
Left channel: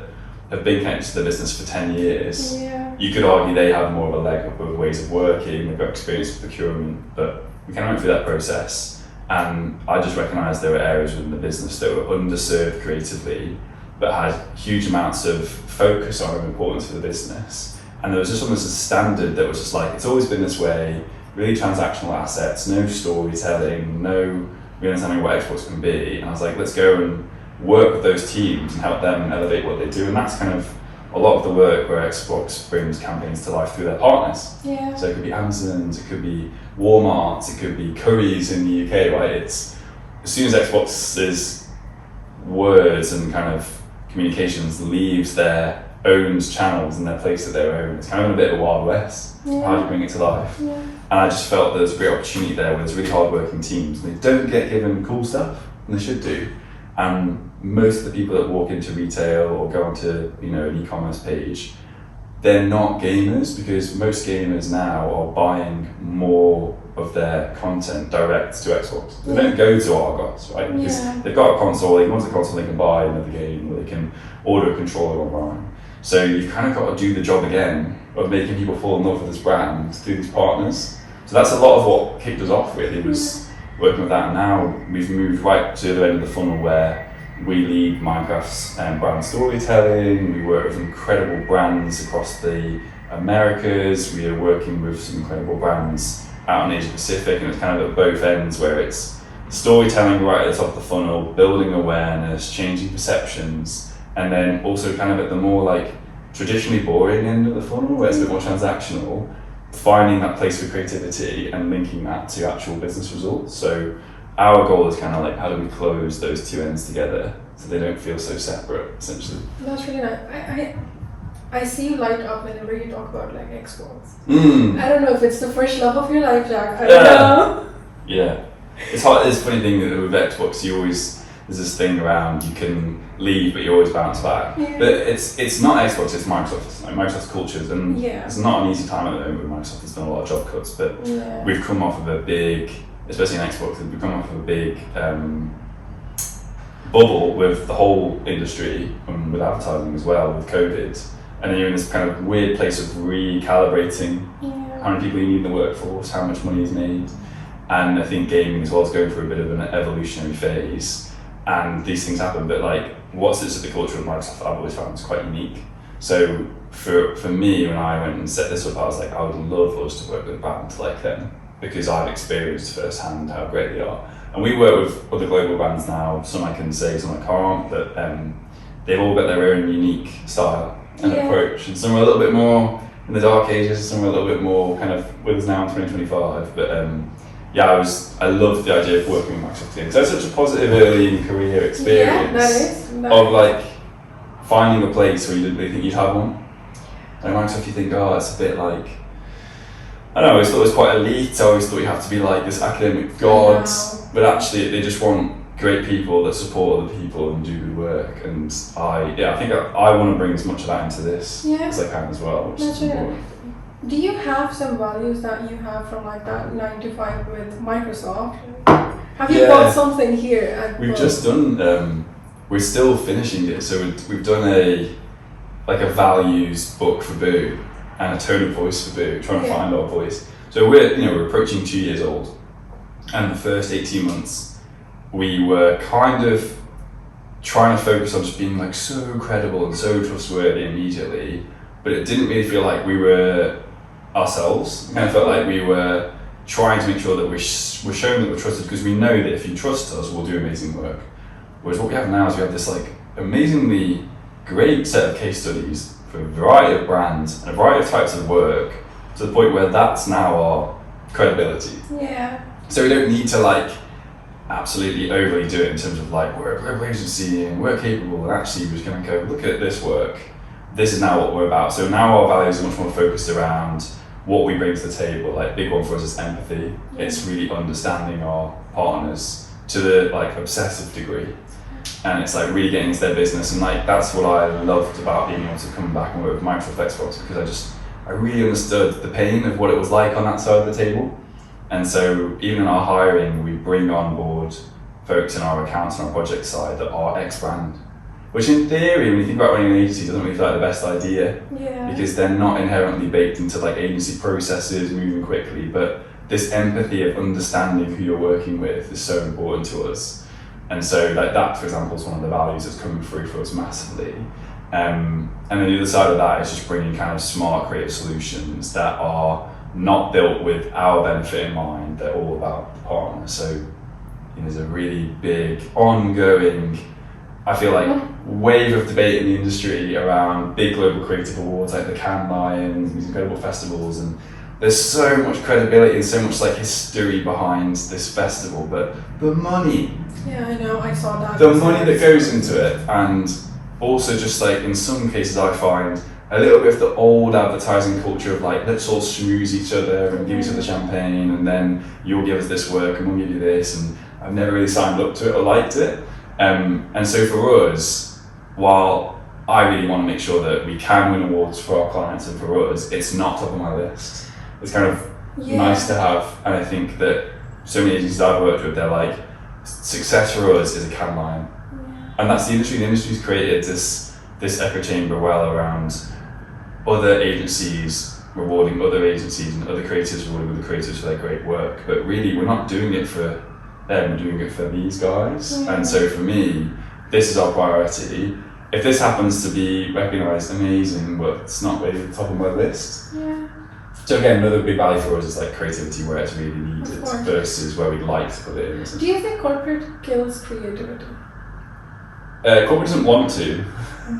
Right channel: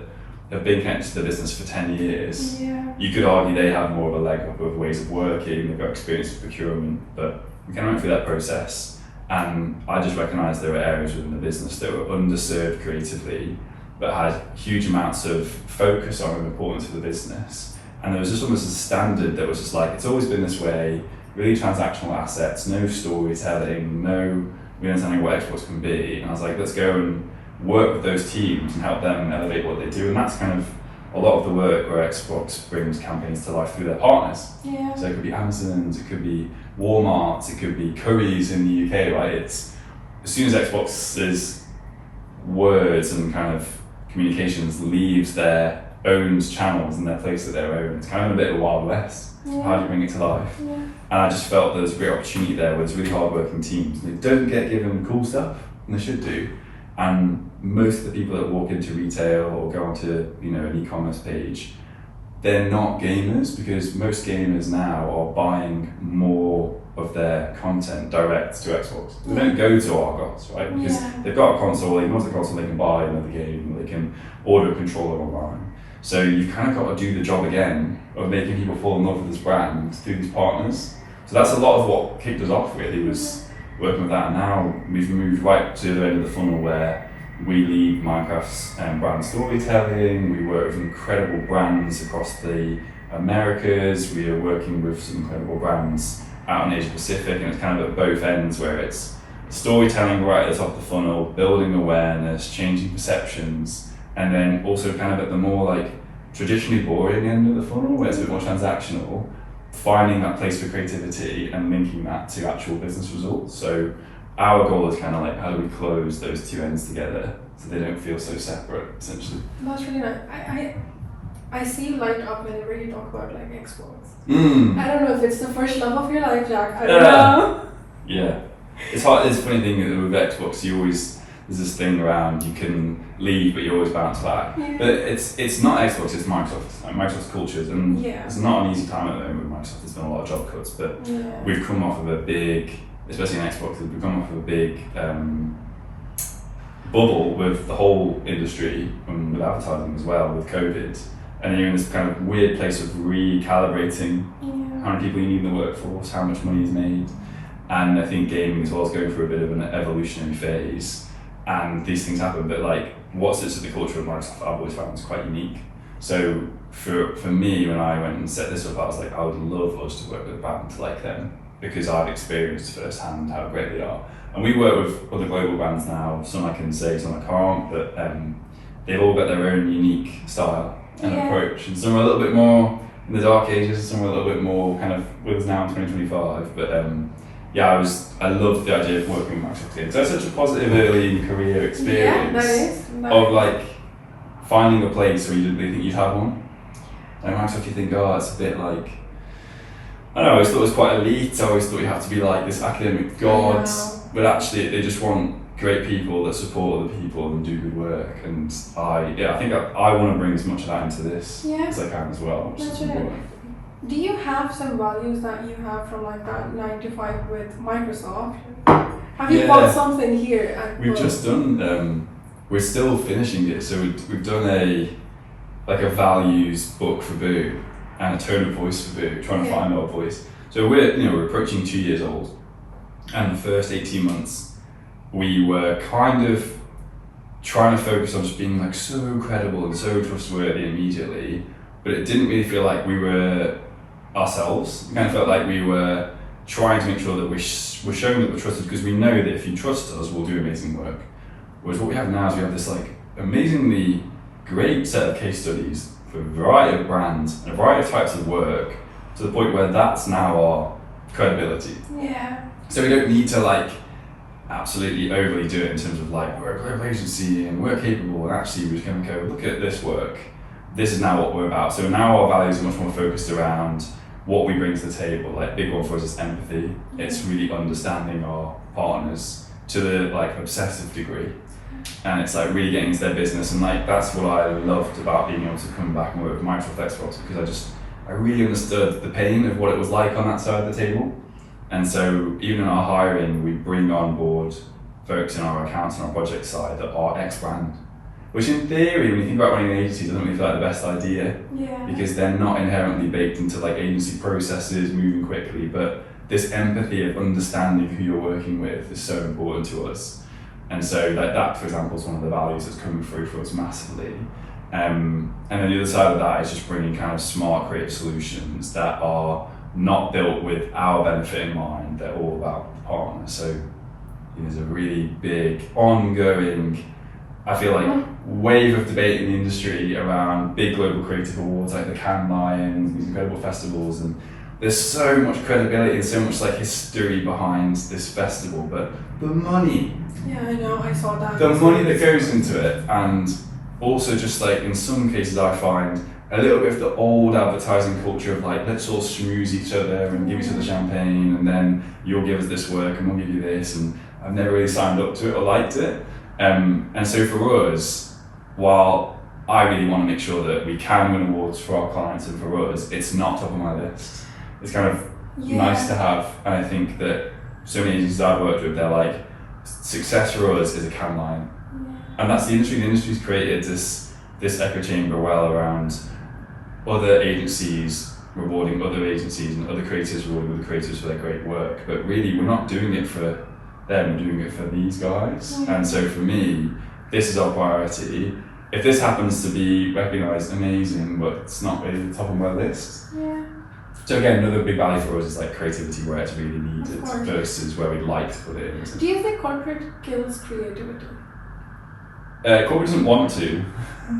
have been connected to the business for 10 years. Yeah. You could argue they have more of a leg up of ways of working, they've got experience with procurement, but we kind of went through that process. And I just recognised there were areas within the business that were underserved creatively, but had huge amounts of focus on and importance for the business. And there was just almost a standard that was just like, it's always been this way, really transactional assets, no storytelling, no really understanding what Xbox can be. And I was like, let's go and work with those teams and help them elevate what they do. And that's kind of a lot of the work where Xbox brings campaigns to life through their partners. Yeah. So it could be Amazon's, it could be Walmart's, it could be Curry's in the UK, right? It's as soon as Xbox's words and kind of communications leaves their owned channels and their place that they're own, it's kind of a bit of a Wild West. Yeah. How do you bring it to life? Yeah. And I just felt there was a great opportunity there where there's really hard-working teams. They don't get given cool stuff, and they should do. And most of the people that walk into retail or go onto, an e-commerce page, they're not gamers, because most gamers now are buying more of their content direct to Xbox. They don't go to Argos, right? Because they've got a console, they want a console, they can buy another game, or they can order a controller online. So you've kind of got to do the job again of making people fall in love with this brand through these partners. So that's a lot of what kicked us off, really, was working with that. And now we've moved right to the end of the funnel where we lead Minecraft's brand storytelling. We work with incredible brands across the Americas. We are working with some incredible brands out in Asia Pacific, and it's kind of at both ends where it's storytelling right at the top of the funnel, building awareness, changing perceptions, and then also kind of at the more like traditionally boring end of the funnel where it's a bit more transactional, finding that place for creativity and linking that to actual business results. So our goal is kind of like, how do we close those two ends together so they don't feel so separate, essentially. That's really nice. I see you light up whenever you talk about like Xbox. I don't know if it's the first love of your life, Jack. I don't know. Yeah. It's hard. It's a funny thing that with Xbox, there's this thing around you can leave, but you always bounce back. Yeah. But it's not Xbox, it's Microsoft. Like Microsoft's cultures, and it's not an easy time at the moment with Microsoft. There's been a lot of job cuts, but we've come off of a big, especially in Xbox, we've come off of a big bubble with the whole industry and with advertising as well, with COVID. And then you're in this kind of weird place of recalibrating how many people you need in the workforce, how much money is made. And I think gaming as well is going through a bit of an evolutionary phase. And these things happen, but like what sits at the culture of Microsoft, I've always found is quite unique. So for me, when I went and set this up, I was like, I would love us to work with a brand like them, because I've experienced firsthand how great they are. And we work with other global brands now, some I can say, some I can't, but they've all got their own unique style and approach. And some are a little bit more in the dark ages, some are a little bit more kind of with us now in 2025. But I loved the idea of working with Microsoft because that's such a positive early career experience. Yeah, that is. Of like finding a place where you didn't really think you'd have one. And Microsoft, you think, it's a bit like, I don't know, I always thought it was quite elite. I always thought you have to be like this academic god, but actually they just want great people that support other people and do good work. And I think I want to bring as much of that into this as I can as well, which is important. Do you have some values that you have from like that 9 to 5 with Microsoft? Have you got something here at We've just done, we're still finishing it, so we've done a values book for Boo and a tone of voice for Boo, trying to find our voice. So we're approaching 2 years old, and the first 18 months we were kind of trying to focus on just being like so credible and so trustworthy immediately, but it didn't really feel like we were ourselves. It kind of felt like we were trying to make sure that we're showing that we're trusted, because we know that if you trust us, we'll do amazing work. Whereas what we have now is we have this like amazingly great set of case studies for a variety of brands and a variety of types of work, to the point where that's now our credibility. Yeah. So we don't need to like absolutely overly do it in terms of like we're a global agency and we're capable, and actually we're just going to go look at this work. This is now what we're about. So now our values are much more focused around what we bring to the table. Like big one for us is empathy. It's really understanding our partners to the like obsessive degree, and it's like really getting into their business. And like that's what I loved about being able to come back and work with Microsoft Xbox, because I really understood the pain of what it was like on that side of the table. And so even in our hiring, we bring on board folks in our accounts and our project side that are ex-brand, which in theory, when you think about running an agency, doesn't really feel like the best idea, because they're not inherently baked into like agency processes moving quickly. But this empathy of understanding who you're working with is so important to us. And so like that, for example, is one of the values that's coming through for us massively. And then the other side of that is just bringing kind of smart creative solutions that are not built with our benefit in mind. They're all about the partner. So there's a really big ongoing, I feel like, wave of debate in the industry around big global creative awards like the Cannes Lions, these incredible festivals, and there's so much credibility and so much like history behind this festival, but the money. Yeah, I know, I saw that. The money that goes into it, and also just like in some cases I find a little bit of the old advertising culture of like, let's all schmooze each other and give each other champagne, and then you'll give us this work and we'll give you this, and I've never really signed up to it or liked it. And so for us, while I really want to make sure that we can win awards for our clients and for us, it's not top of my list. It's kind of nice to have, and I think that so many agencies I've worked with, they're like, success for us is a Cannes line. And that's the industry. The industry's created this echo chamber well around other agencies rewarding other agencies and other creators rewarding other creators for their great work. But really, we're not doing it for them, we're doing it for these guys. And so for me, this is our priority. If this happens to be recognised, amazing, but it's not really the top of my list. So again, another big value for us is like creativity where it's really needed versus where we'd like to put it in. Do you think corporate kills creativity? Corporate doesn't want to,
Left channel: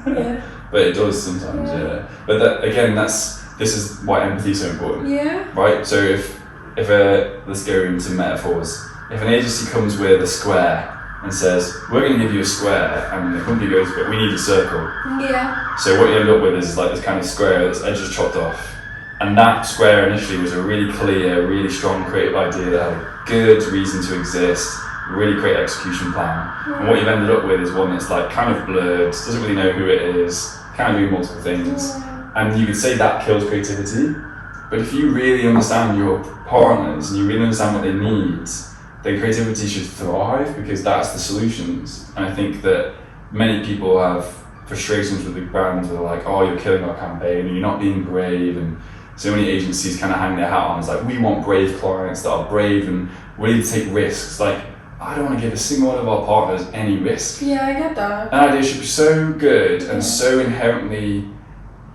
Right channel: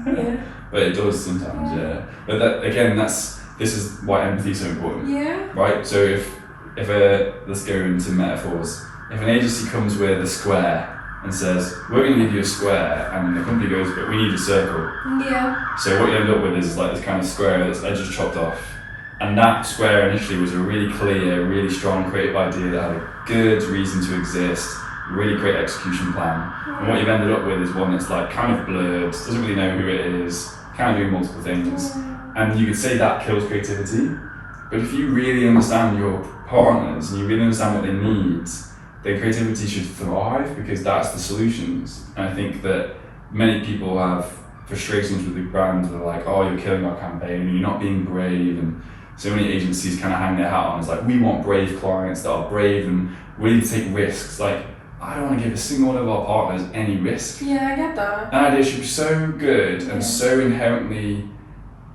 Yeah. but it does sometimes, yeah. But that, again, this is why empathy is so important. Yeah. Right? So if let's go into metaphors. If an agency comes with a square and says, we're going to give you a square, and the company goes, but we need a circle. Yeah. So what you end up with is like this kind of square that's edges chopped off. And that square initially was a really clear, really strong creative idea that had a good reason to exist, really great execution plan. And what you've ended up with is one that's like kind of blurred, doesn't really know who it is, kind of doing multiple things. And you would say that kills creativity. But if you really understand your partners and you really understand what they need, then creativity should thrive, because that's the solutions. And I think that many people have frustrations with big brands where they're like, oh, you're killing our campaign, you're not being brave, and so many agencies kind of hang their hat on. It's like, we want brave clients that are brave and willing to take risks. Like, I don't want to give a single one of our partners any risk. Yeah, I get that. An idea should be so good and so inherently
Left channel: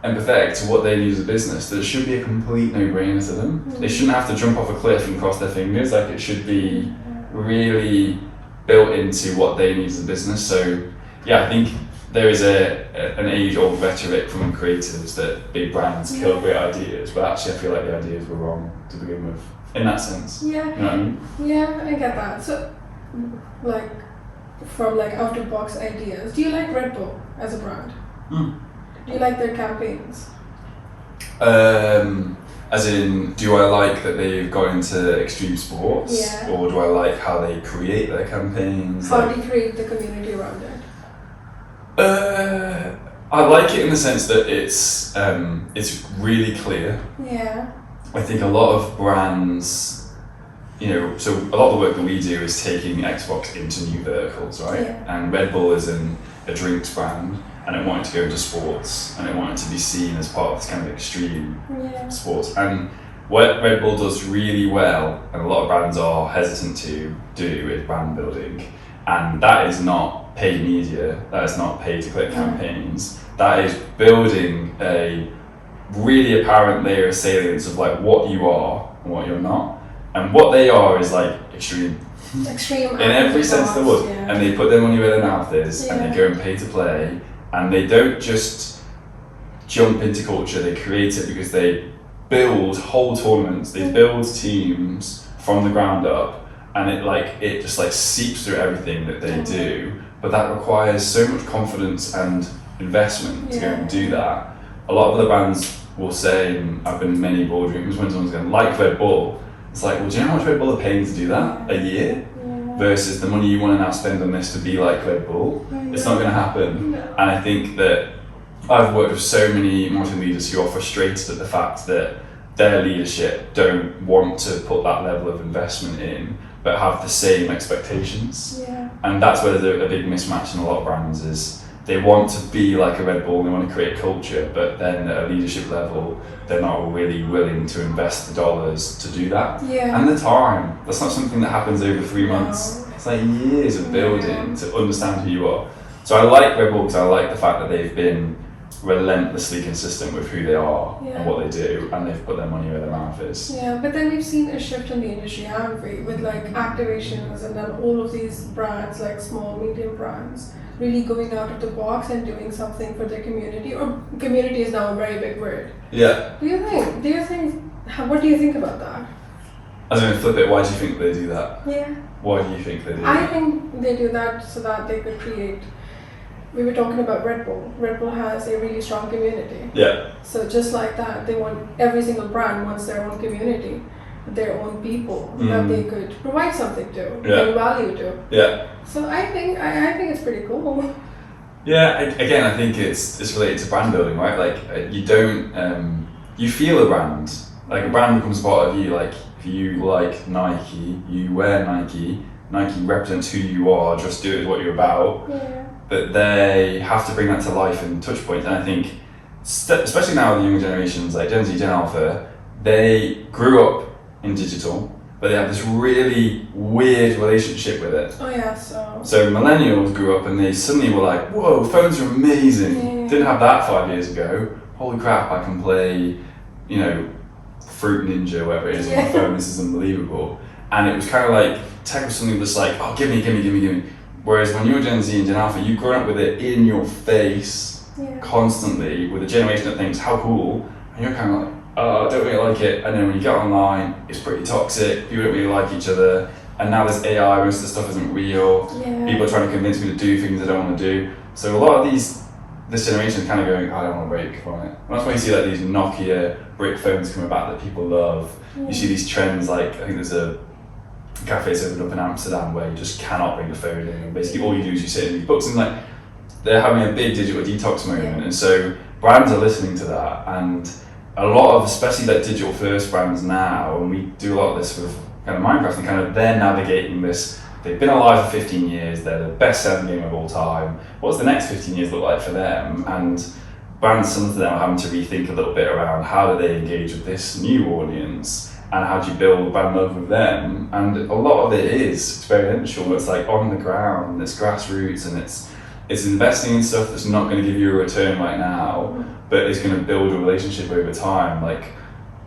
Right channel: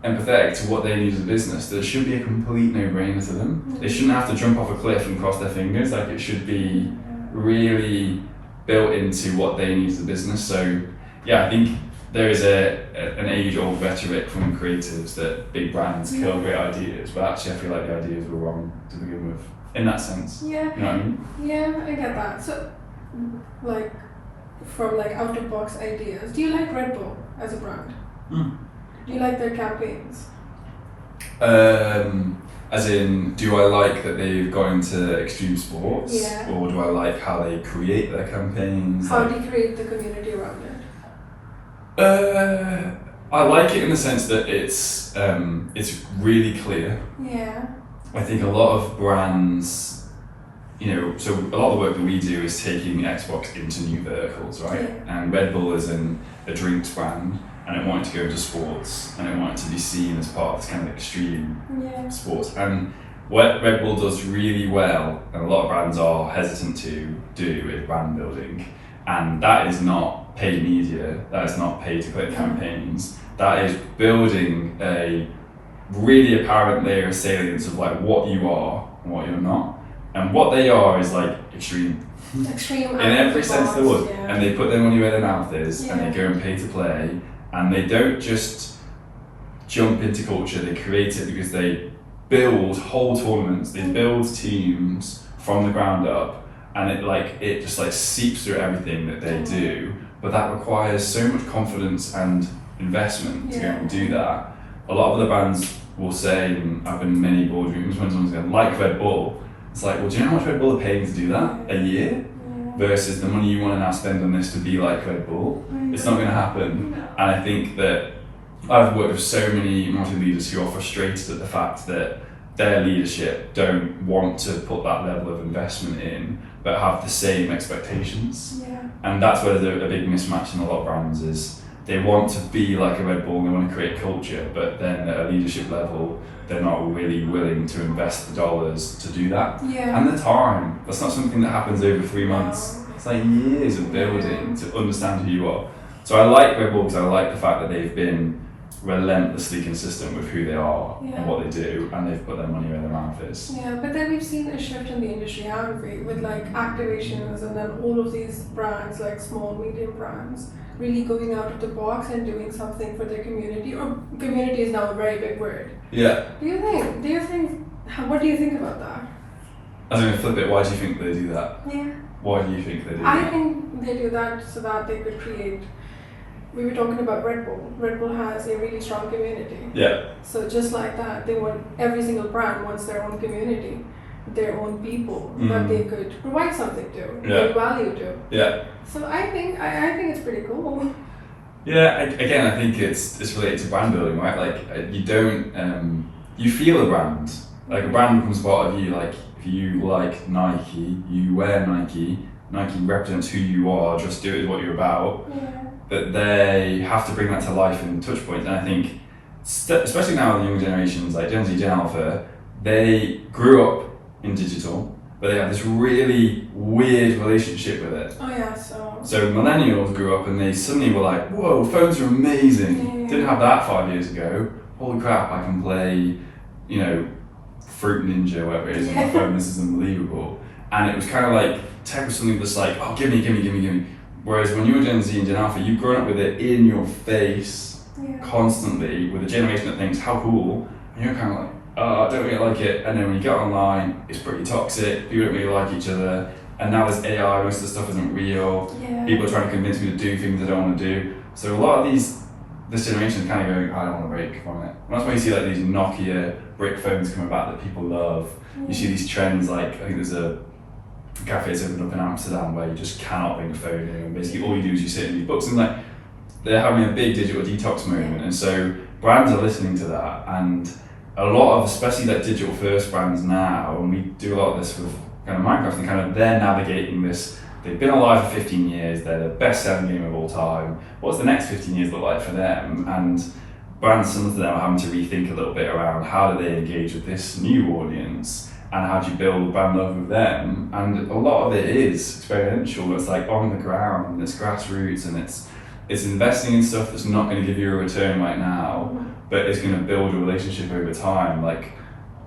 empathetic to what they need as a business that it should be a complete no-brainer to them. They shouldn't have to jump off a cliff and cross their fingers. Like, it should be really built into what they need as a business. So yeah, I think there is an age-old rhetoric from creatives that big brands kill great ideas, but actually I feel like the ideas were wrong to begin with, in that sense. Yeah. You know what I mean? Yeah, I get that. So, like, from like out-of-box ideas, do you like Red Bull as a brand? Do you like their campaigns? As in, do I like that they've got into extreme sports? Yeah. Or do I like how they create their campaigns? How do you create the community around it? I like it in the sense that it's really clear. Yeah. I think a lot of brands, so a lot of the work that we do is taking Xbox into new verticals, right? Yeah. And Red Bull is in a drinks brand, and it wanted to go into sports, and it wanted to be seen as part of this kind of extreme sports. And what Red Bull does really well, and a lot of brands are hesitant to do, is brand building. And that is not paid media, that is not paid to click campaigns, that is building a really apparent layer of salience of like what you are and what you're not. And what they are is like extreme. Extreme. In every sense of the word. Yeah. And they put their money where their mouth is, and Yeah. they go and pay to play, and they don't just jump into culture, they create it because they build whole tournaments, they build teams from the ground up, and it just like seeps through everything that they do. But that requires so much confidence and investment to go and do that. A lot of other brands will say, and I've been in many boardrooms when someone's going, like Red Bull. It's like, well, do you know how much Red Bull are paying to do that? A year? Versus the money you want to now spend on this to be like Red Bull. It's not going to happen. No. And I think that I've worked with so many marketing leaders who are frustrated at the fact that their leadership don't want to put that level of investment in, but have the same expectations. Yeah. And that's where there's a big mismatch in a lot of brands is they want to be like a Red Bull and they want to create culture, but then at a leadership level, they're not really willing to invest the dollars to do that. Yeah. And the time. That's not something that happens over 3 months. It's like years of building to understand who you are. So I like Red Bull because I like the fact that they've been relentlessly consistent with who they are and what they do, and they've put their money where their mouth is. Yeah, but then we've seen a shift in the industry, haven't we? With like activations and then all of these brands, like small, medium brands, really going out of the box and doing something for their community. Or community is now a very big word. Yeah. What do you think about that? I was going to flip it. Why do you think they do that? Yeah. Why do you think they do I that? think they do that so that they could create. We were talking about Red Bull. Red Bull has a really strong community. Yeah. So just like that, they want every single brand wants their own community, their own people that they could provide something to, bring value to. Yeah. So I think it's pretty cool. Yeah. Again, I think it's related to brand building, right? Like you don't you feel a brand. Like a brand becomes part of you. Like if you like Nike, you wear Nike. Nike represents who you are. Just do it is what you're about. Yeah. But they have to bring that to life in touch points. And I think, especially now with the younger generations, like Gen Z, Gen Alpha, they grew up in digital, but they have this really weird relationship with it. Oh yeah, So millennials grew up and they suddenly were like, whoa, phones are amazing. Yeah. Didn't have that 5 years ago. Holy crap, I can play, Fruit Ninja, whatever it is on my phone. This is unbelievable. And it was kind of like, tech was something that's like, oh, give me. Whereas when you were Gen Z and Gen Alpha, you've grown up with it in your face constantly with a generation that thinks, how cool, and you're kind of like, oh, I don't really like it. And then when you get online, it's pretty toxic, people don't really like each other, and now there's AI, most of the stuff isn't real, people are trying to convince me to do things I don't want to do. So a lot of this generation is kind of going, I don't want to break from it. And that's why you see like these Nokia brick phones coming back that people love. You see these trends, like I think there's a cafes opened up in Amsterdam where you just cannot bring the phone in, and basically all you do is you sit in these books, and like they're having a big digital detox moment. And so brands are listening to that, and a lot of, especially like digital first brands now, and we do a lot of this with kind of Minecraft, and kind of they're navigating this. They've been alive for 15 years, they're the best selling game of all time. What's the next 15 years look like for them? And brands, some of them are having to rethink a little bit around how do they engage with this new audience, and how do you build brand love with them? And a lot of it is experiential. It's like on the ground, it's grassroots, and it's investing in stuff that's not going to give you a return right now, but it's going to build a relationship over time. Like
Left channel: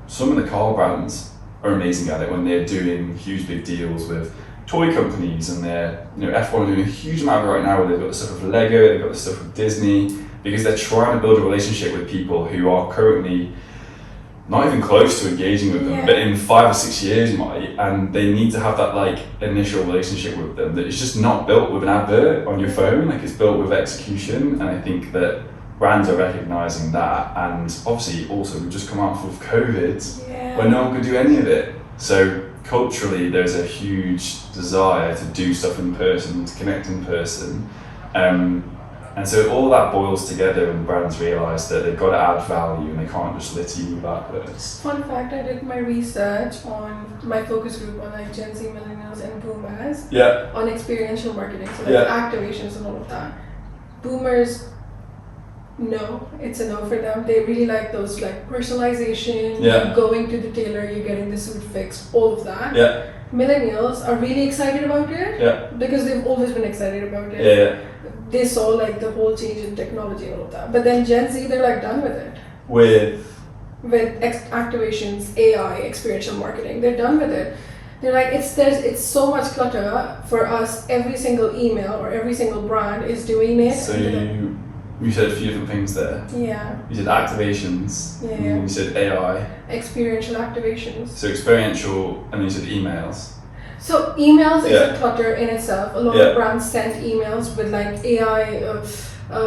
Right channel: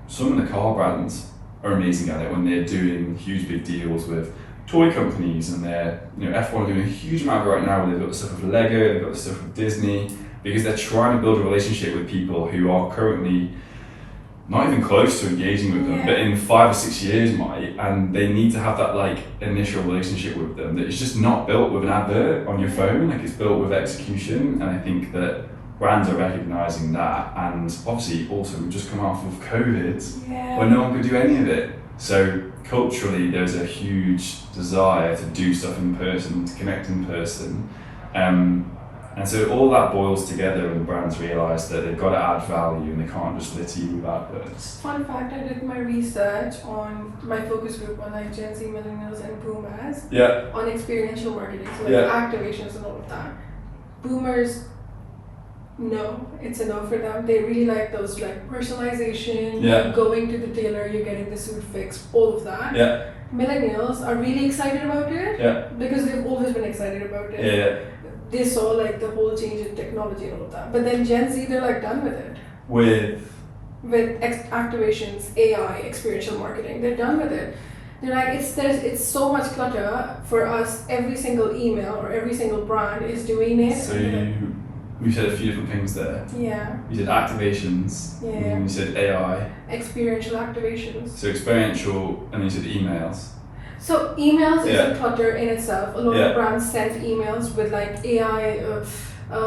some of the car brands are amazing at it when they're doing huge big deals with toy companies, and they're F1 are doing a huge amount of it right now where they've got the stuff with Lego, they've got the stuff with Disney, because they're trying to build a relationship with people who are currently not even close to engaging with them, but in 5 or 6 years might, and they need to have that like initial relationship with them that is just not built with an advert on your phone, like it's built with execution. And I think that brands are recognizing that, and obviously also we've just come off of COVID where no one could do any of it. So culturally there's a huge desire to do stuff in person, to connect in person. And so all that boils together, and brands realise that they've got to add value and they can't just litter you with adverts. Fun fact, I did my research on my focus group on like Gen Z, millennials and boomers on experiential marketing, so like activations and all of that. Boomers, no, it's a no for them. They really like those like personalization, going to the tailor, you're getting the suit fixed, all of that. Millennials are really excited about it because they've always been excited about it. They saw like the whole change in technology and all of that. But then Gen Z, they're like done with it. With Activations, AI, experiential marketing, they're done with it. They're like, it's so much clutter for us. Every single email or every single brand is doing it. So you said a few different things there. Yeah. You said activations. Yeah. And you said AI. Experiential activations. So experiential, and then you said emails. So emails isn't clutter in itself. A lot Yeah. of brands send emails with like AI.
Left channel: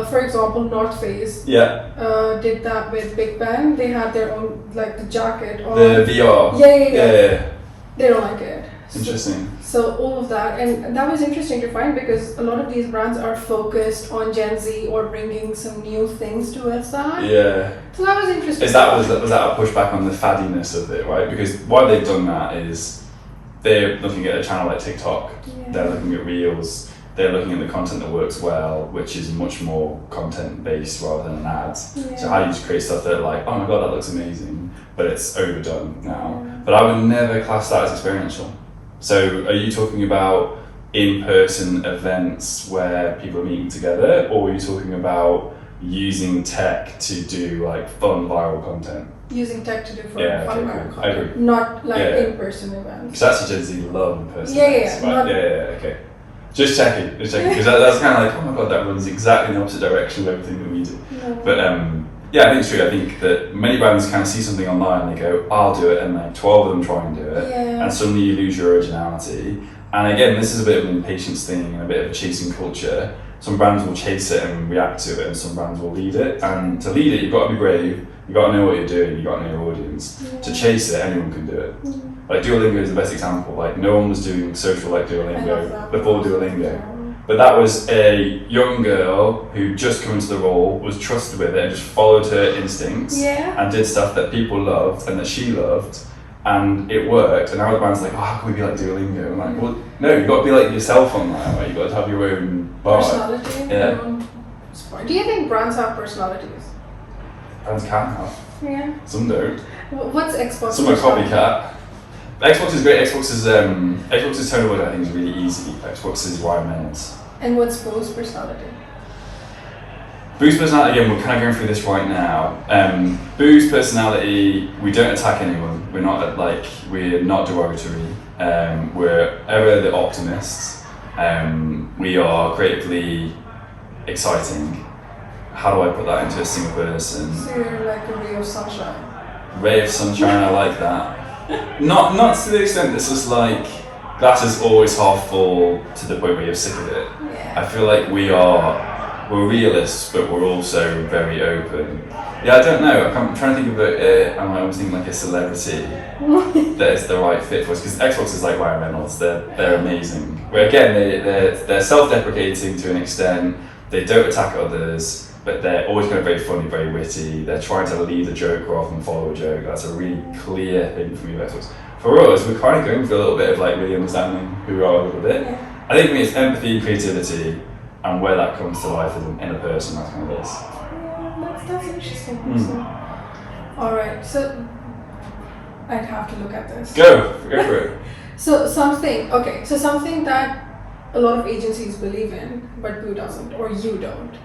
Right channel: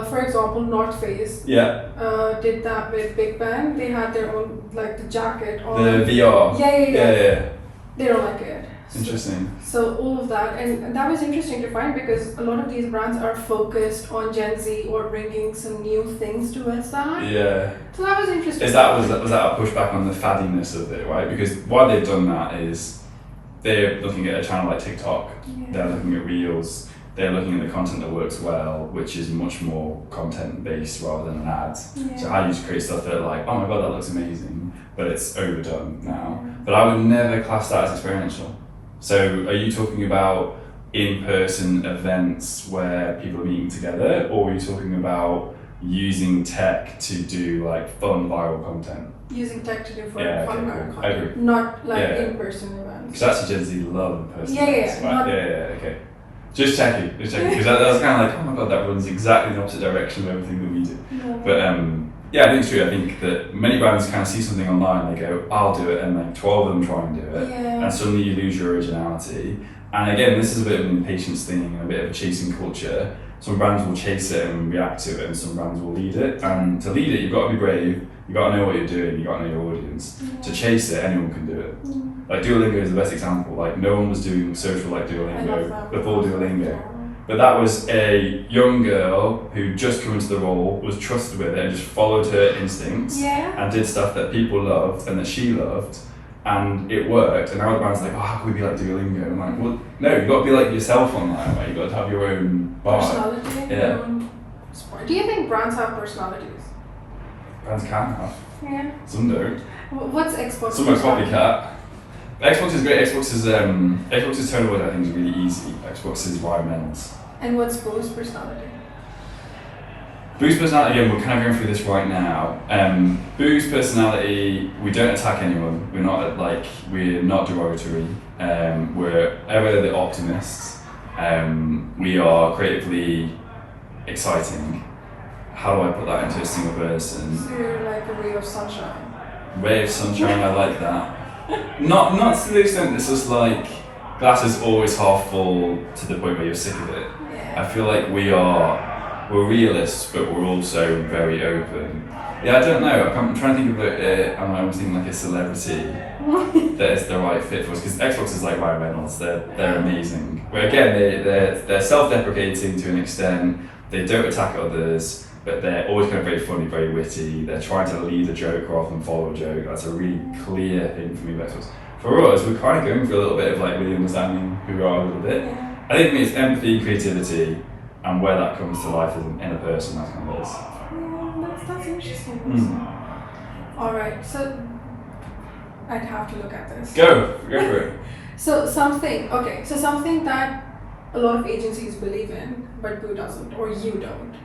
For example, North Face did that with Big Ben. They had their own, like the jacket on. The VR. Yeah. They don't like it. Interesting. So all of that, and that was interesting to find because a lot of these brands are focused on Gen Z or bringing some new things towards that. Yeah. So that was interesting. Was that a pushback on the faddiness of it, right? Because why they've done that is they're looking at a channel like TikTok, they're looking at Reels, they're looking at the content that works well, which is much more content based rather than an ad. So how you just create stuff that like, oh my god, that looks amazing, but it's overdone now. But I would never class that as experiential. So are you talking about in-person events where people are meeting together, or are you talking about using tech to do like fun viral content? Using tech to do fun viral content. I agree. Not like in-person events. Because actually Gen Z love in-person events, right? Okay. Just checking, because that's kind of like, oh my god, that runs exactly the opposite direction of everything that we do. No. But I think it's true. I think that many brands kind of see something online and they go, I'll do it, and like 12 of them try and do it, and suddenly you lose your originality. And again, this is a bit of an impatience thing and a bit of a chasing culture. Some brands will chase it and react to it, and some brands will lead it. And to lead it, you've got to be brave, you've got to know what you're doing, you've got to know your audience. To chase it, anyone can do it. Like Duolingo is the best example. Like no one was doing social like Duolingo before Duolingo. But that was a young girl who just come into the role, was trusted with it, and just followed her instincts and did stuff that people loved and that she loved, and it worked. And now the brand's like, oh, how can we be like Duolingo? I'm like, well, no, you've got to be like yourself on that, right? You've got to have your own vibe. Personality. Your own sport. Do you think brands have personalities? Brands can have. Yeah. Some don't. What's Xbox? Some are copycat. Xbox is great. Xbox's tone of word I think is really easy. Xbox is environmental. And what's Boo's personality? Boo's personality, again, we're kind of going through this right now. Boo's personality, we don't attack anyone. We're not derogatory. We're ever the optimists. We are creatively exciting. How do I put that into a single person? So you're like a ray of sunshine. Ray of sunshine, I like that. Not to the extent that's just like glass is always half full to the point where you're sick of it. I feel like we're realists, but we're also very open. I don't know. I'm trying to think of it. I'm always thinking like a celebrity that is the right fit for us. Because Xbox is like Ryan Reynolds. They're amazing. Where again they're self-deprecating to an extent. They don't attack others, but they're always kind of very funny, very witty. They're trying to lead a joke rather than follow a joke. That's a really clear thing for me about Xbox. For us, we're kind of going for a little bit of like really understanding who we are a little bit. I think for me it's empathy, creativity, and where that comes to life in a person. That's kind of this. That's interesting. Also. All right, so I'd have to look at this. Go for it. So something that a lot of agencies believe in, but Boo doesn't, or you don't,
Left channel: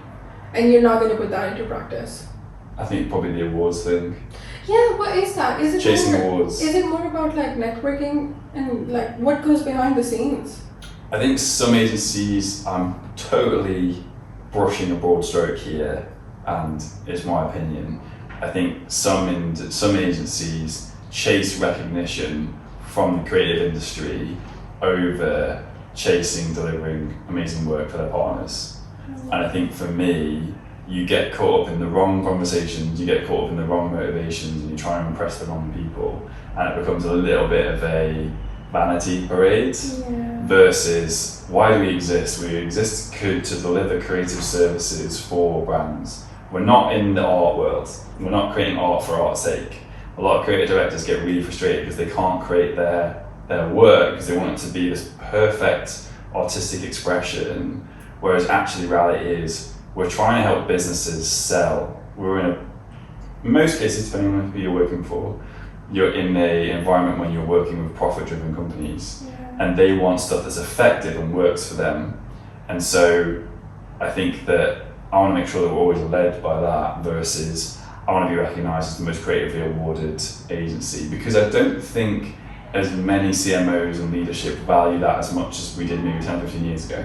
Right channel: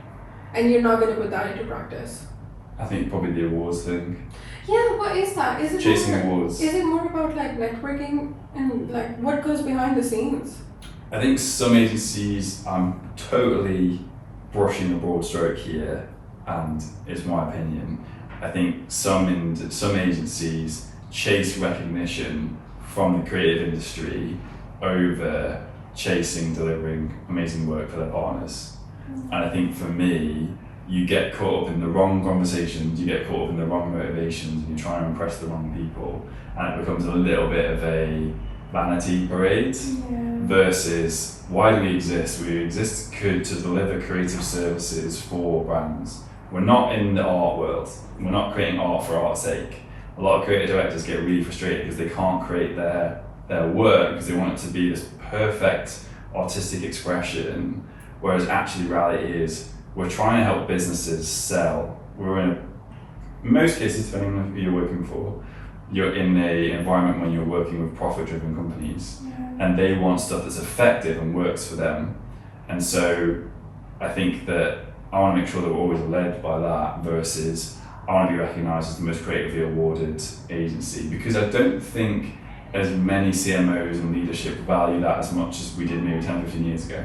and you're not going to put that into practice. I think probably the awards thing. Yeah, what is that? Is it chasing awards? Is it more about like networking and like what goes behind the scenes? I think some agencies, I'm totally brushing a broad stroke here, and it's my opinion. I think some agencies chase recognition from the creative industry over delivering amazing work for their partners. And I think for me, you get caught up in the wrong conversations, you get caught up in the wrong motivations, and you try and impress the wrong people, and it becomes a little bit of a vanity parade versus why do we exist? We exist to deliver creative services for brands. We're not in the art world. We're not creating art for art's sake. A lot of creative directors get really frustrated because they can't create their work because they want it to be this perfect artistic expression, whereas actually reality is we're trying to help businesses sell. In most cases, depending on who you're working for, you're in an environment when you're working with profit-driven companies, and they want stuff that's effective and works for them. And so I think that I want to make sure that we're always led by that versus I want to be recognised as the most creatively awarded agency, because I don't think as many CMOs and leadership value that as much as we did maybe 10 or 15 years ago.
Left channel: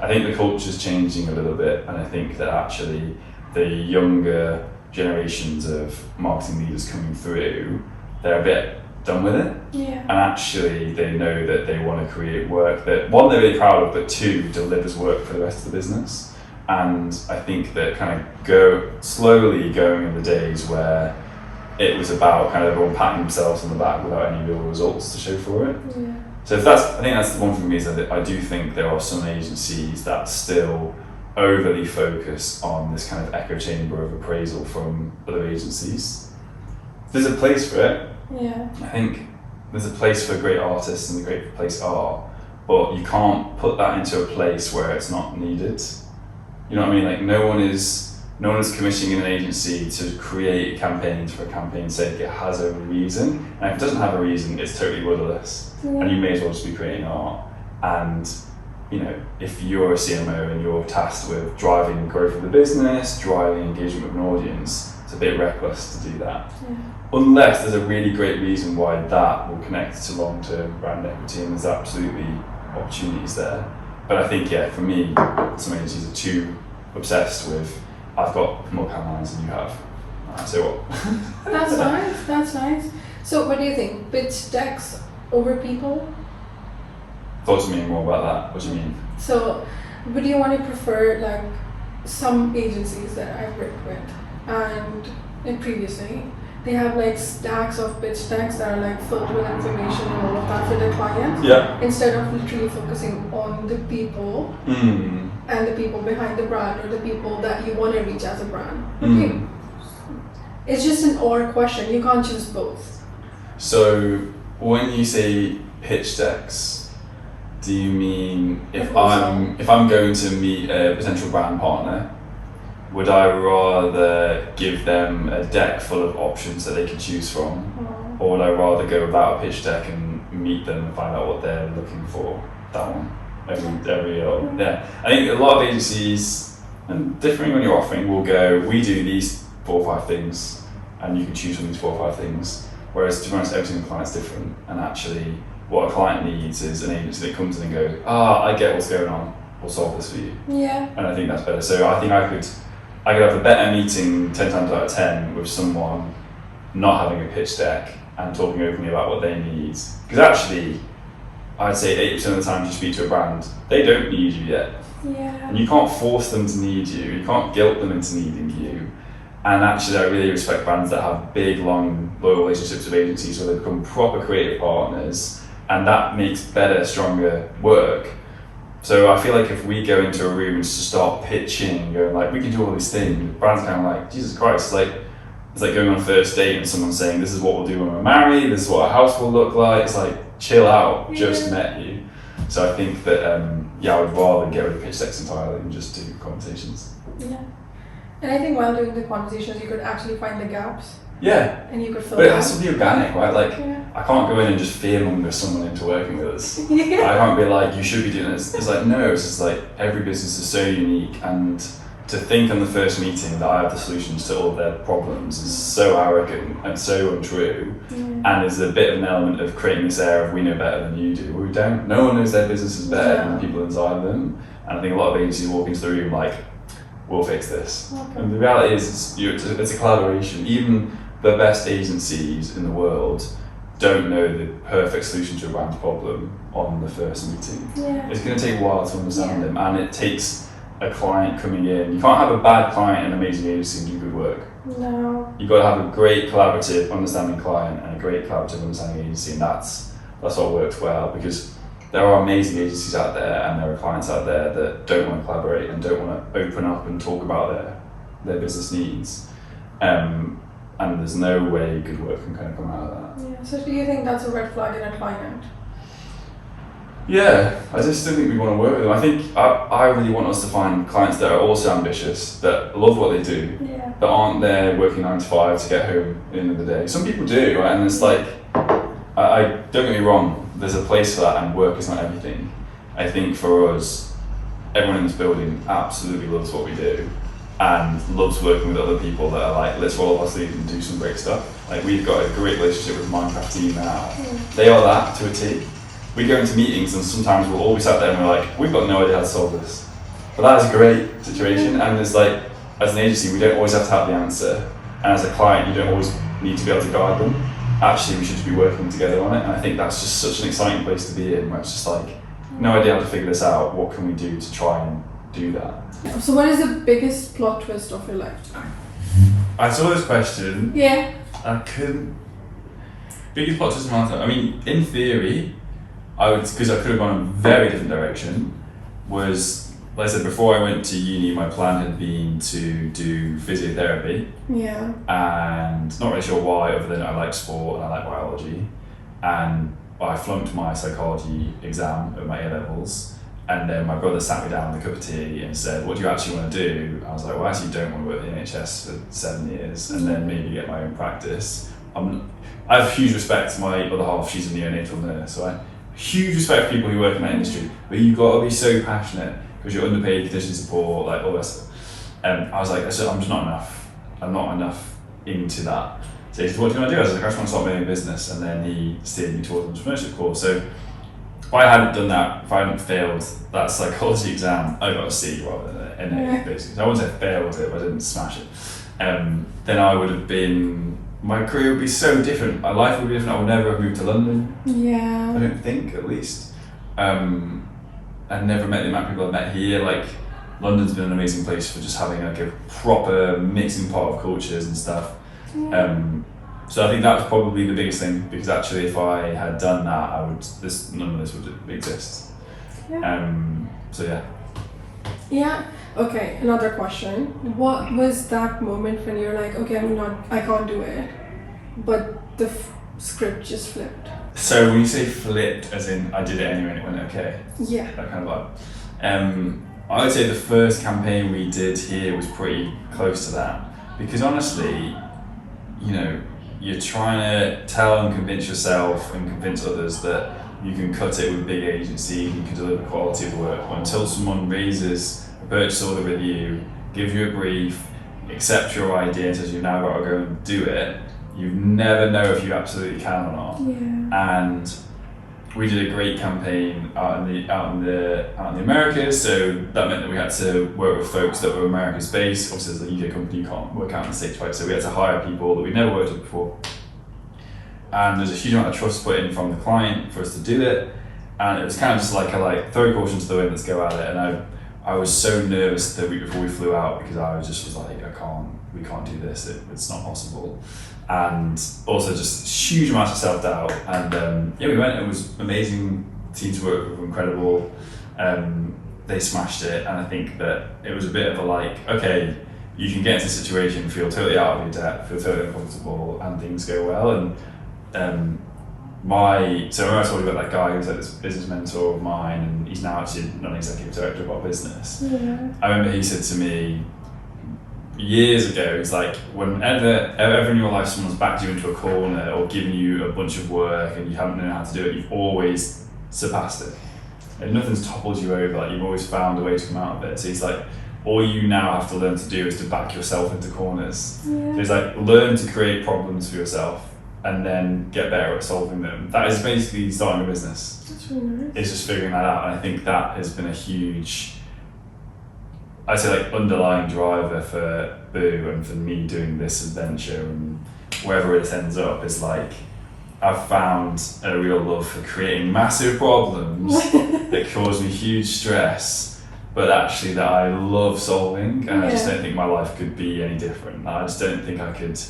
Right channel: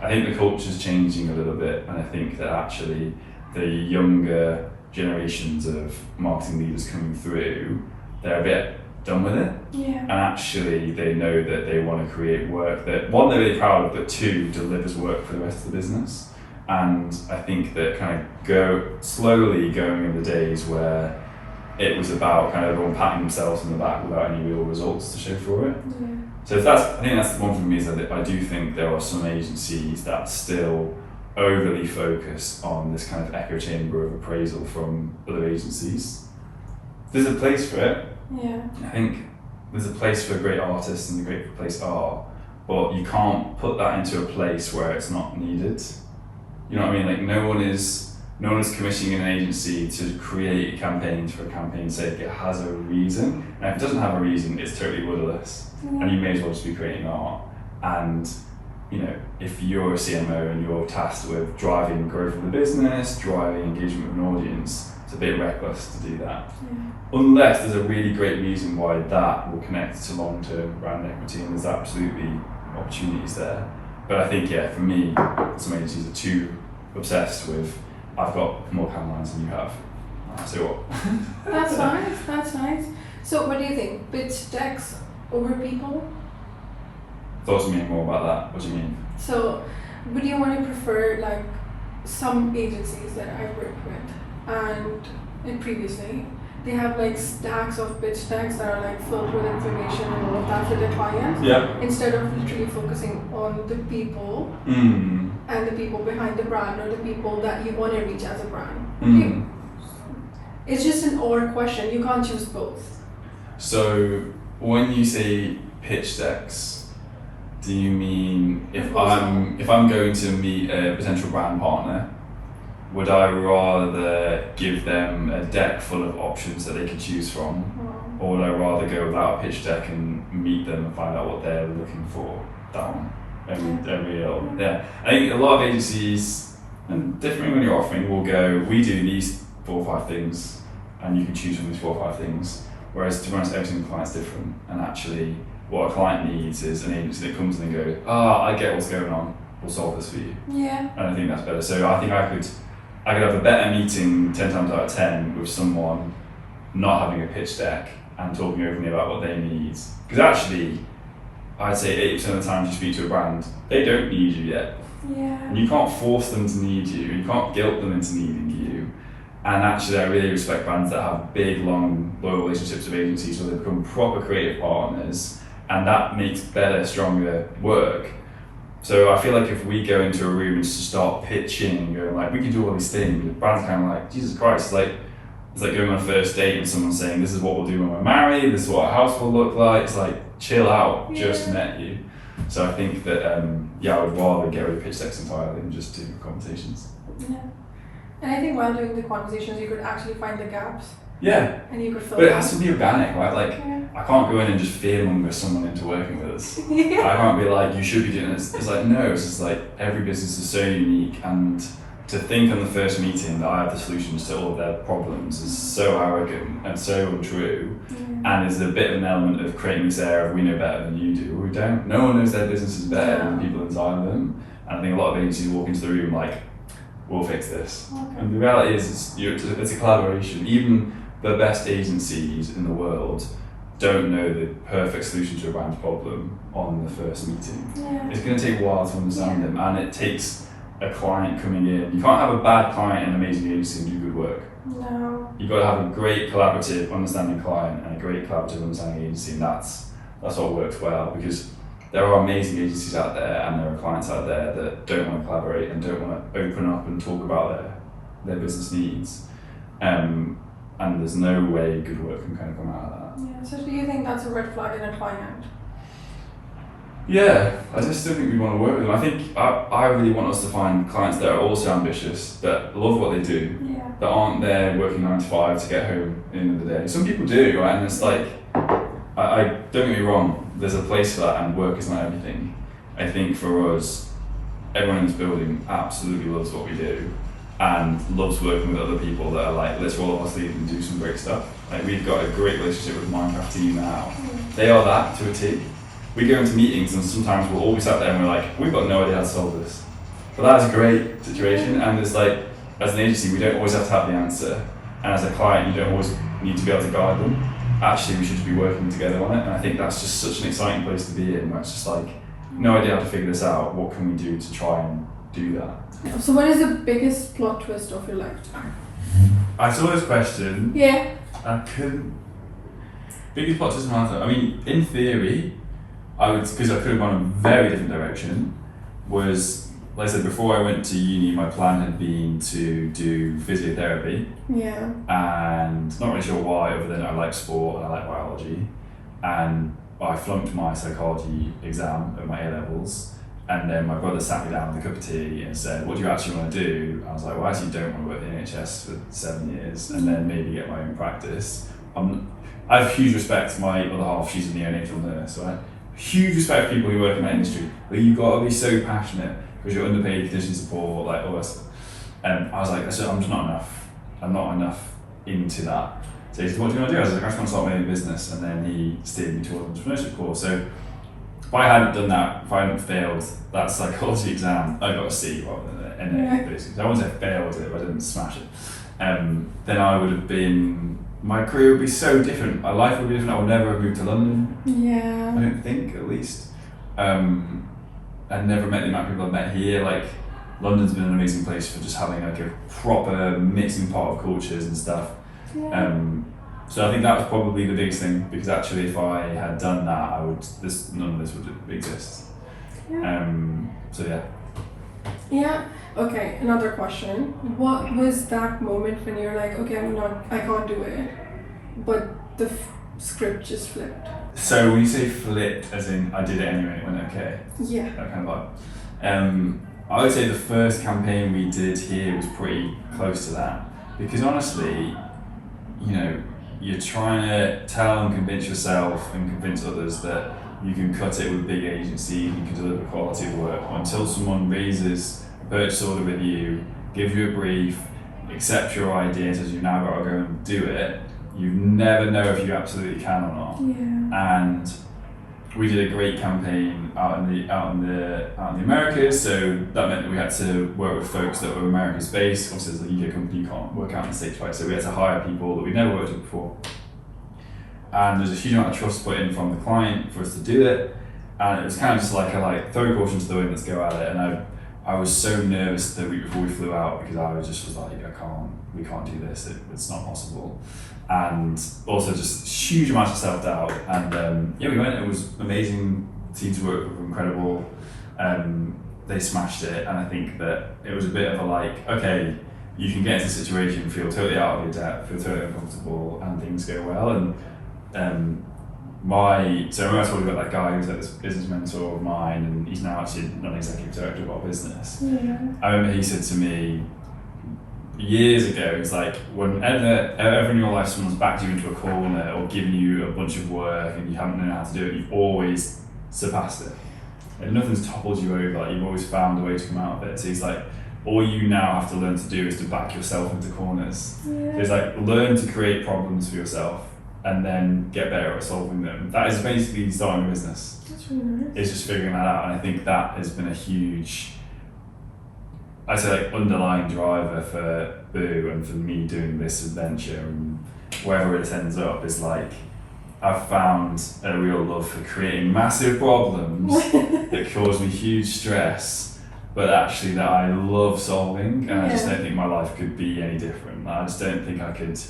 I think the culture's changing a little bit, and I think that actually the younger generations of marketing leaders coming through, they're a bit done with it. Yeah. And actually they know that they want to create work that, one, they're really proud of, but two, delivers work for the rest of the business. And I think that kind of slowly going in the days where it was about kind of everyone patting themselves on the back without any real results to show for it. Yeah. So I think that's the one thing for me, is that I do think there are some agencies that still overly focus on this kind of echo chamber of appraisal from other agencies. There's a place for it. Yeah. I think there's a place for great artists and a great place art, but you can't put that into a place where it's not needed. You know what I mean? Like no one is commissioning an agency to create campaigns for a campaign's sake. It has a reason, and if it doesn't have a reason, it's totally rudderless. Yeah. And you may as well just be creating art. And you know, if you're a CMO and you're tasked with driving growth of the business, driving engagement with an audience, it's a bit reckless to do that. Yeah. Unless there's a really great reason why that will connect to long-term brand equity, and there's absolutely opportunities there. But I think, yeah, for me, some agencies are too obsessed with, I've got more campaigns than you have. So what? That's nice. That's nice. So, what do you think? Pitch decks over people? Talk to me more about that. What do you mean? So, would you want to prefer like some agencies that I've worked with, and previously they have like stacks of pitch decks that are like filled with information and all of that for the client, Yeah. instead of literally focusing on the people and the people behind the brand, or the people that you want to reach as a brand. Okay. It's just an or question. You can't choose both. So when you say pitch decks, do you mean if Proposal. I'm going to meet a potential brand partner, would I rather give them a deck full of options that they can choose from, or would I rather go without a pitch deck and meet them and find out what they're looking for? That one. Yeah. I think a lot of agencies, and different when you're offering, will go, we do these 4 or 5 things, and you can choose from these 4 or 5 things. Whereas to be honest, every single client's different, and actually what a client needs is an agency that comes in and goes, I get what's going on, we'll solve this for you. Yeah. And I think that's better. So I think I could have a better meeting 10 times out of 10 with someone not having a pitch deck and talking openly about what they need. Because actually, I'd say 80% of the time you speak to a brand, they don't need you yet. Yeah. And you can't force them to need you, you can't guilt them into needing you. And actually I really respect brands that have big, long, loyal relationships with agencies where they become proper creative partners, and that makes better, stronger work. So I feel like if we go into a room and just start pitching and going like, we can do all these things, the brand's kind of like, Jesus Christ, it's like going on a first date and someone saying, this is what we'll do when we're married, this is what our house will look like. It's like, chill out, just met you. So I think that, I would rather get rid of pitch decks entirely and just do conversations. Yeah. And I think while doing the conversations, you could actually find the gaps. Yeah. And you could fill But it them. has to be organic, right? Like, Yeah. I can't go in and just fearmonger someone into working with us. Yeah. I can't be like, you should be doing this. It's like, no, it's just like, every business is so unique, and to think on the first meeting that I have the solutions to all of their problems is so arrogant and so untrue. And there's a bit of an element of creating this air of we know better than you do. We don't. No one knows their businesses better than the people inside of them. And I think a lot of agencies walk into the room like, we'll fix this. Okay. And the reality is, it's a collaboration. Even the best agencies in the world don't know the perfect solution to a brand's problem on the first meeting. Yeah. It's going to take a while to understand them, and it takes a client coming in. You can't have a bad client and an amazing agency and do good work. No. You've got to have a great collaborative, understanding client and a great collaborative, understanding agency, and that's what works well, because there are amazing agencies out there and there are clients out there that don't want to collaborate and don't want to open up and talk about their business needs. And there's no way good work can kind of come out of that. Yeah. So do you think that's a red flag in a client? Yeah, I just still think we want to work with them. I think I really want us to find clients that are also ambitious, that love what they do, Yeah. that aren't there working 9 to 5 to get home at the end of the day. Some people do, right? And it's like, I don't get me wrong, there's a place for that, and work is not everything. I think for us, everyone in this building absolutely loves what we do. and loves working with other people that are like, let's roll up our sleeves and do some great stuff. Like we've got a great relationship with the Minecraft team now. They are that to a T. We go into meetings and sometimes we'll all be sat there and we're like, we've got no idea how to solve this. But that is a great situation, and it's like, as an agency, we don't always have to have the answer. And as a client, you don't always need to be able to guide them. Actually, we should just be working together on it. And I think that's just such an exciting place to be in, where it's just like, no idea how to figure this out. What can we do to try and do that? So what is the biggest plot twist of your lifetime? I saw this question. Yeah. I couldn't. Biggest plot twist of my lifetime. I mean, in theory, I would, because I could have gone in a very different direction, was, like I said, before I went to uni, my plan had been to do physiotherapy. Yeah. And not really sure why, other than I like sport and I like biology. And I flunked my psychology exam at my A-levels. And then my brother sat me down with a cup of tea and said, what do you actually want to do? I was like, well, I actually don't want to work in the NHS for 7 years and then maybe get my own practice. I have huge respect to my other half, she's a neonatal nurse, so I have huge respect for people who work in that industry, but you've got to be so passionate because you're underpaid, condition support, like all that stuff. And I was like, I'm just not enough. I'm not enough into that. So he said, what do you want to do? I was like, I just want to start my own business. And then he steered me towards the entrepreneurship course. So if I hadn't done that, if I hadn't failed that psychology exam, I got a C rather than an A, basically. So I wouldn't say failed it, but I didn't smash it. Then I would have been, my career would be so different. My life would be different. I would never have moved to London. Yeah. I don't think, at least. I've never met the amount of people I've met here. Like, London's been an amazing place for just having like a proper mixing pot of cultures and stuff. Yeah. So I think that was probably the biggest thing, because actually if I had done that, none of this would exist. Yeah. So yeah. Yeah. Okay. Another question. What was that moment when you're like, okay, I can't do it, but the script just flipped? So when you say flipped, as in I did it anyway and it went okay? Yeah. That kind of vibe. I would say the first campaign we did here was pretty close to that, because honestly, you know, you're trying to tell and convince yourself and convince others that you can cut it with a big agency, you can deliver quality of work, until someone raises a purchase order with you, gives you a brief, accepts your idea and says you've now got to go and do it. You never know if you absolutely can or not. Yeah. And we did a great campaign out in the Americas, so that meant that we had to work with folks that were America's based. Obviously, as a UK company, you can't work out in the States, right? So we had to hire people that we'd never worked with before. And there's a huge amount of trust put in from the client for us to do it. And it was kind of just like throw caution to the wind, let's go at it. And I was so nervous the week before we flew out, because I was like, we can't do this, it's not possible. And also just huge amounts of self-doubt. And we went, it was amazing. Team to work with were incredible. They smashed it, and I think that it was a bit of a like, okay, you can get into a situation, feel totally out of your depth, feel totally uncomfortable, and things go well. And so when I told you about that guy who was like this business mentor of mine, and he's now actually non-executive director of our business. Yeah. I remember he said to me years ago, he's like, whenever ever in your life someone's backed you into a corner or given you a bunch of work and you haven't known how to do it, you've always surpassed it. And nothing's toppled you over, like you've always found a way to come out of it. So he's like, all you now have to learn to do is to back yourself into corners. Yeah. So he's like, learn to create problems for yourself and then get better at solving them. That is basically starting a business. That's really nice. It's just figuring that out. And I think that has been a huge, I'd say, like underlying driver for Boo and for me doing this adventure, and wherever it ends up is like, I've found a real love for creating massive problems that cause me huge stress, but actually that I love solving, and I just don't think my life could be any different. I just don't think I could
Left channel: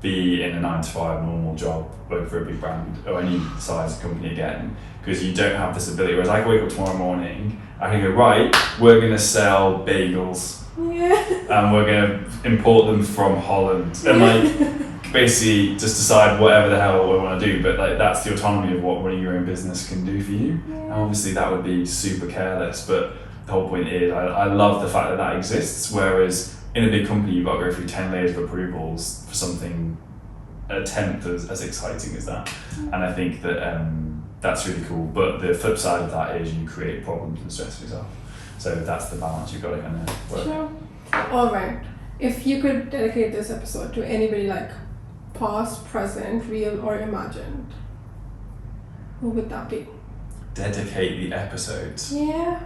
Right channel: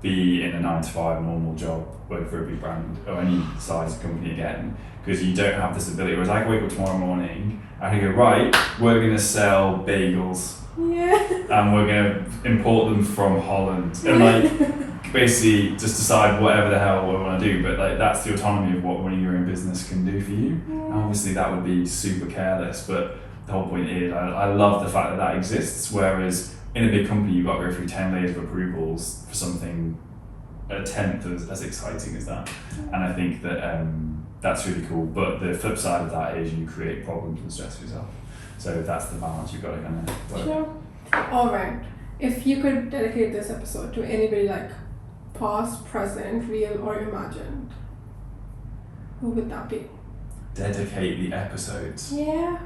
be in a 9-to-5 normal job, work for a big brand or any size company again, because you don't have this ability. Whereas I can wake up tomorrow morning, I can go, right, we're going to sell bagels. Yeah. And we're going to import them from Holland. And like, basically just decide whatever the hell we want to do. But like, that's the autonomy of what running your own business can do for you. And obviously that would be super careless, but the whole point is I love the fact that that exists. Whereas in a big company, you've got to go through 10 layers of approvals for something a tenth as exciting as that. And I think that that's really cool. But the flip side of that is you create problems and stress for yourself. So that's the balance you've got to kind of work. Sure. All right. if you could dedicate this episode to anybody like past, present, real, or imagined, who would that be? Dedicate the episodes. Yeah.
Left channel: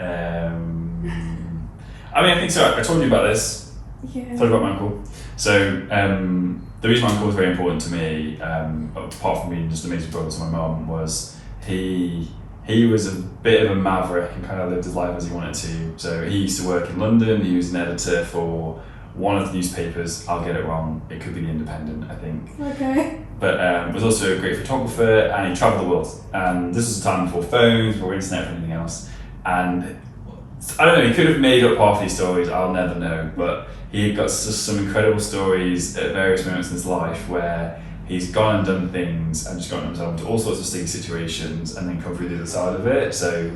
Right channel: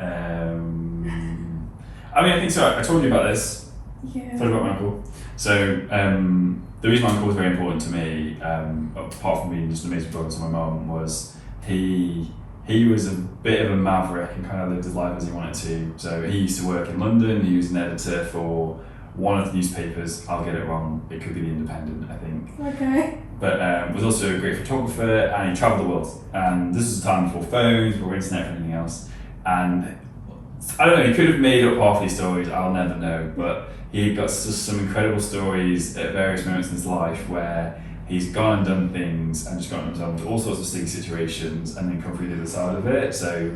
I mean, I think so. I told you about this. Yeah. I told you about my uncle. So the reason my uncle was very important to me, apart from being just an amazing brother to my mum, was he was a bit of a maverick and kind of lived his life as he wanted to. So he used to work in London. He was an editor for one of the newspapers. I'll get it wrong. It could be the Independent, I think. Okay. But was also a great photographer, and he travelled the world. And this was a time before phones, before internet, or anything else. And I don't know, he could have made up half these stories, I'll never know, but he got just some incredible stories at various moments in his life where he's gone and done things and just gotten himself into all sorts of sticky situations and then come through the other side of it. So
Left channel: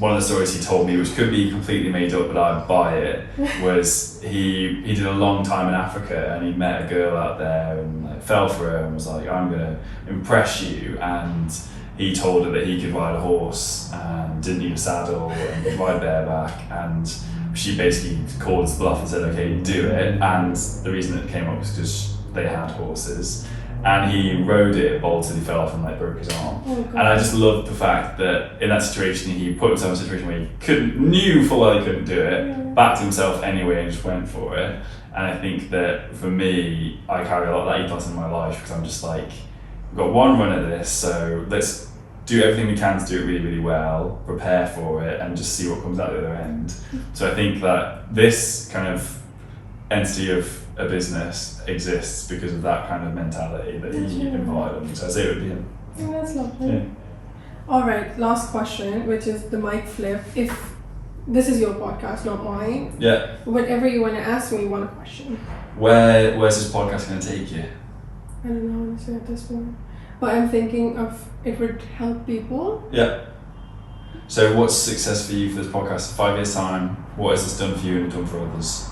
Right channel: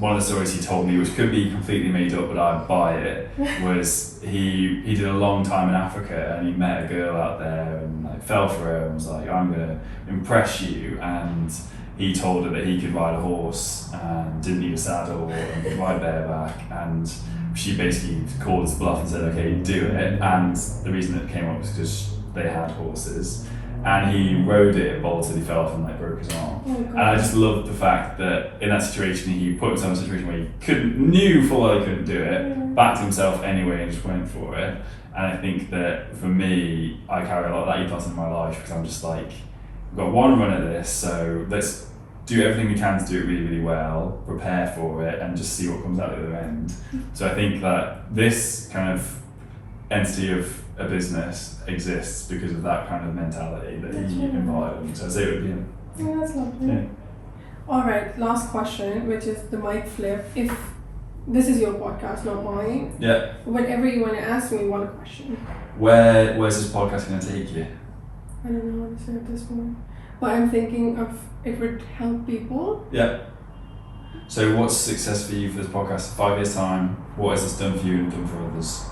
one of the stories he told me, which could be completely made up, but I'd buy it, was he did a long time in Africa and he met a girl out there and like fell for her and was like, I'm gonna impress you, and he told her that he could ride a horse and didn't need a saddle and could ride bareback, and she basically called his bluff and said, okay, do it. And the reason it came up was because they had horses, and he rode it, bolted, he fell off and like broke his arm. Oh, God. And I just loved the fact that in that situation he put himself in a situation where he knew full well he couldn't do it, backed himself anyway and just went for it. And I think that for me, I carry a lot of that ethos in my life because I'm just like, we've got one run at this, so let's do everything we can to do it really, really well, prepare for it, and just see what comes out the other end. So I think that this kind of entity of a business exists because of that kind of mentality that he embodied. So I'd say it would be him. Oh, that's lovely. Yeah. All right, last question, which is the mic flip. If this is your podcast, not mine, Yeah. whatever you want to ask me, one question. Where's this podcast going to take you? I don't know honestly at this point, but I'm thinking of it would help people. Yeah. So what's success for you for this podcast? 5 years time, what has this done for you and done for others?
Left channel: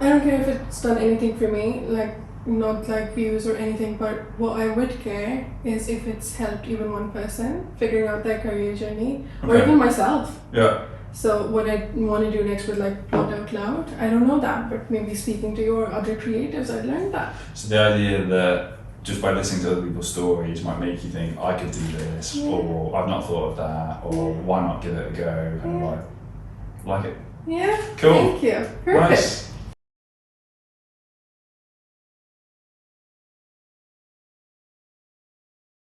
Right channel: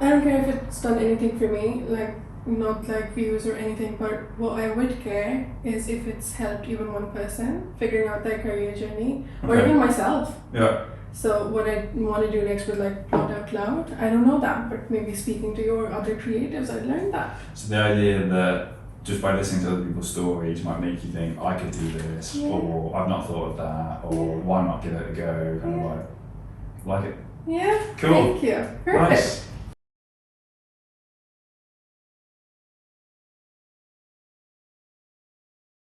I don't care if it's done anything for me, like not like views or anything, but what I would care is if it's helped even one person figuring out their career journey, or Okay. even myself. Yeah. So what I want to do next with like Plot Out Loud, I don't know that, but maybe speaking to your other creatives, I'd learn that. So the idea that just by listening to other people's stories might make you think, I could do this, Yeah. or I've not thought of that, or why not give it a go, kind of like it. Yeah, Cool. thank you. Perfect. Nice.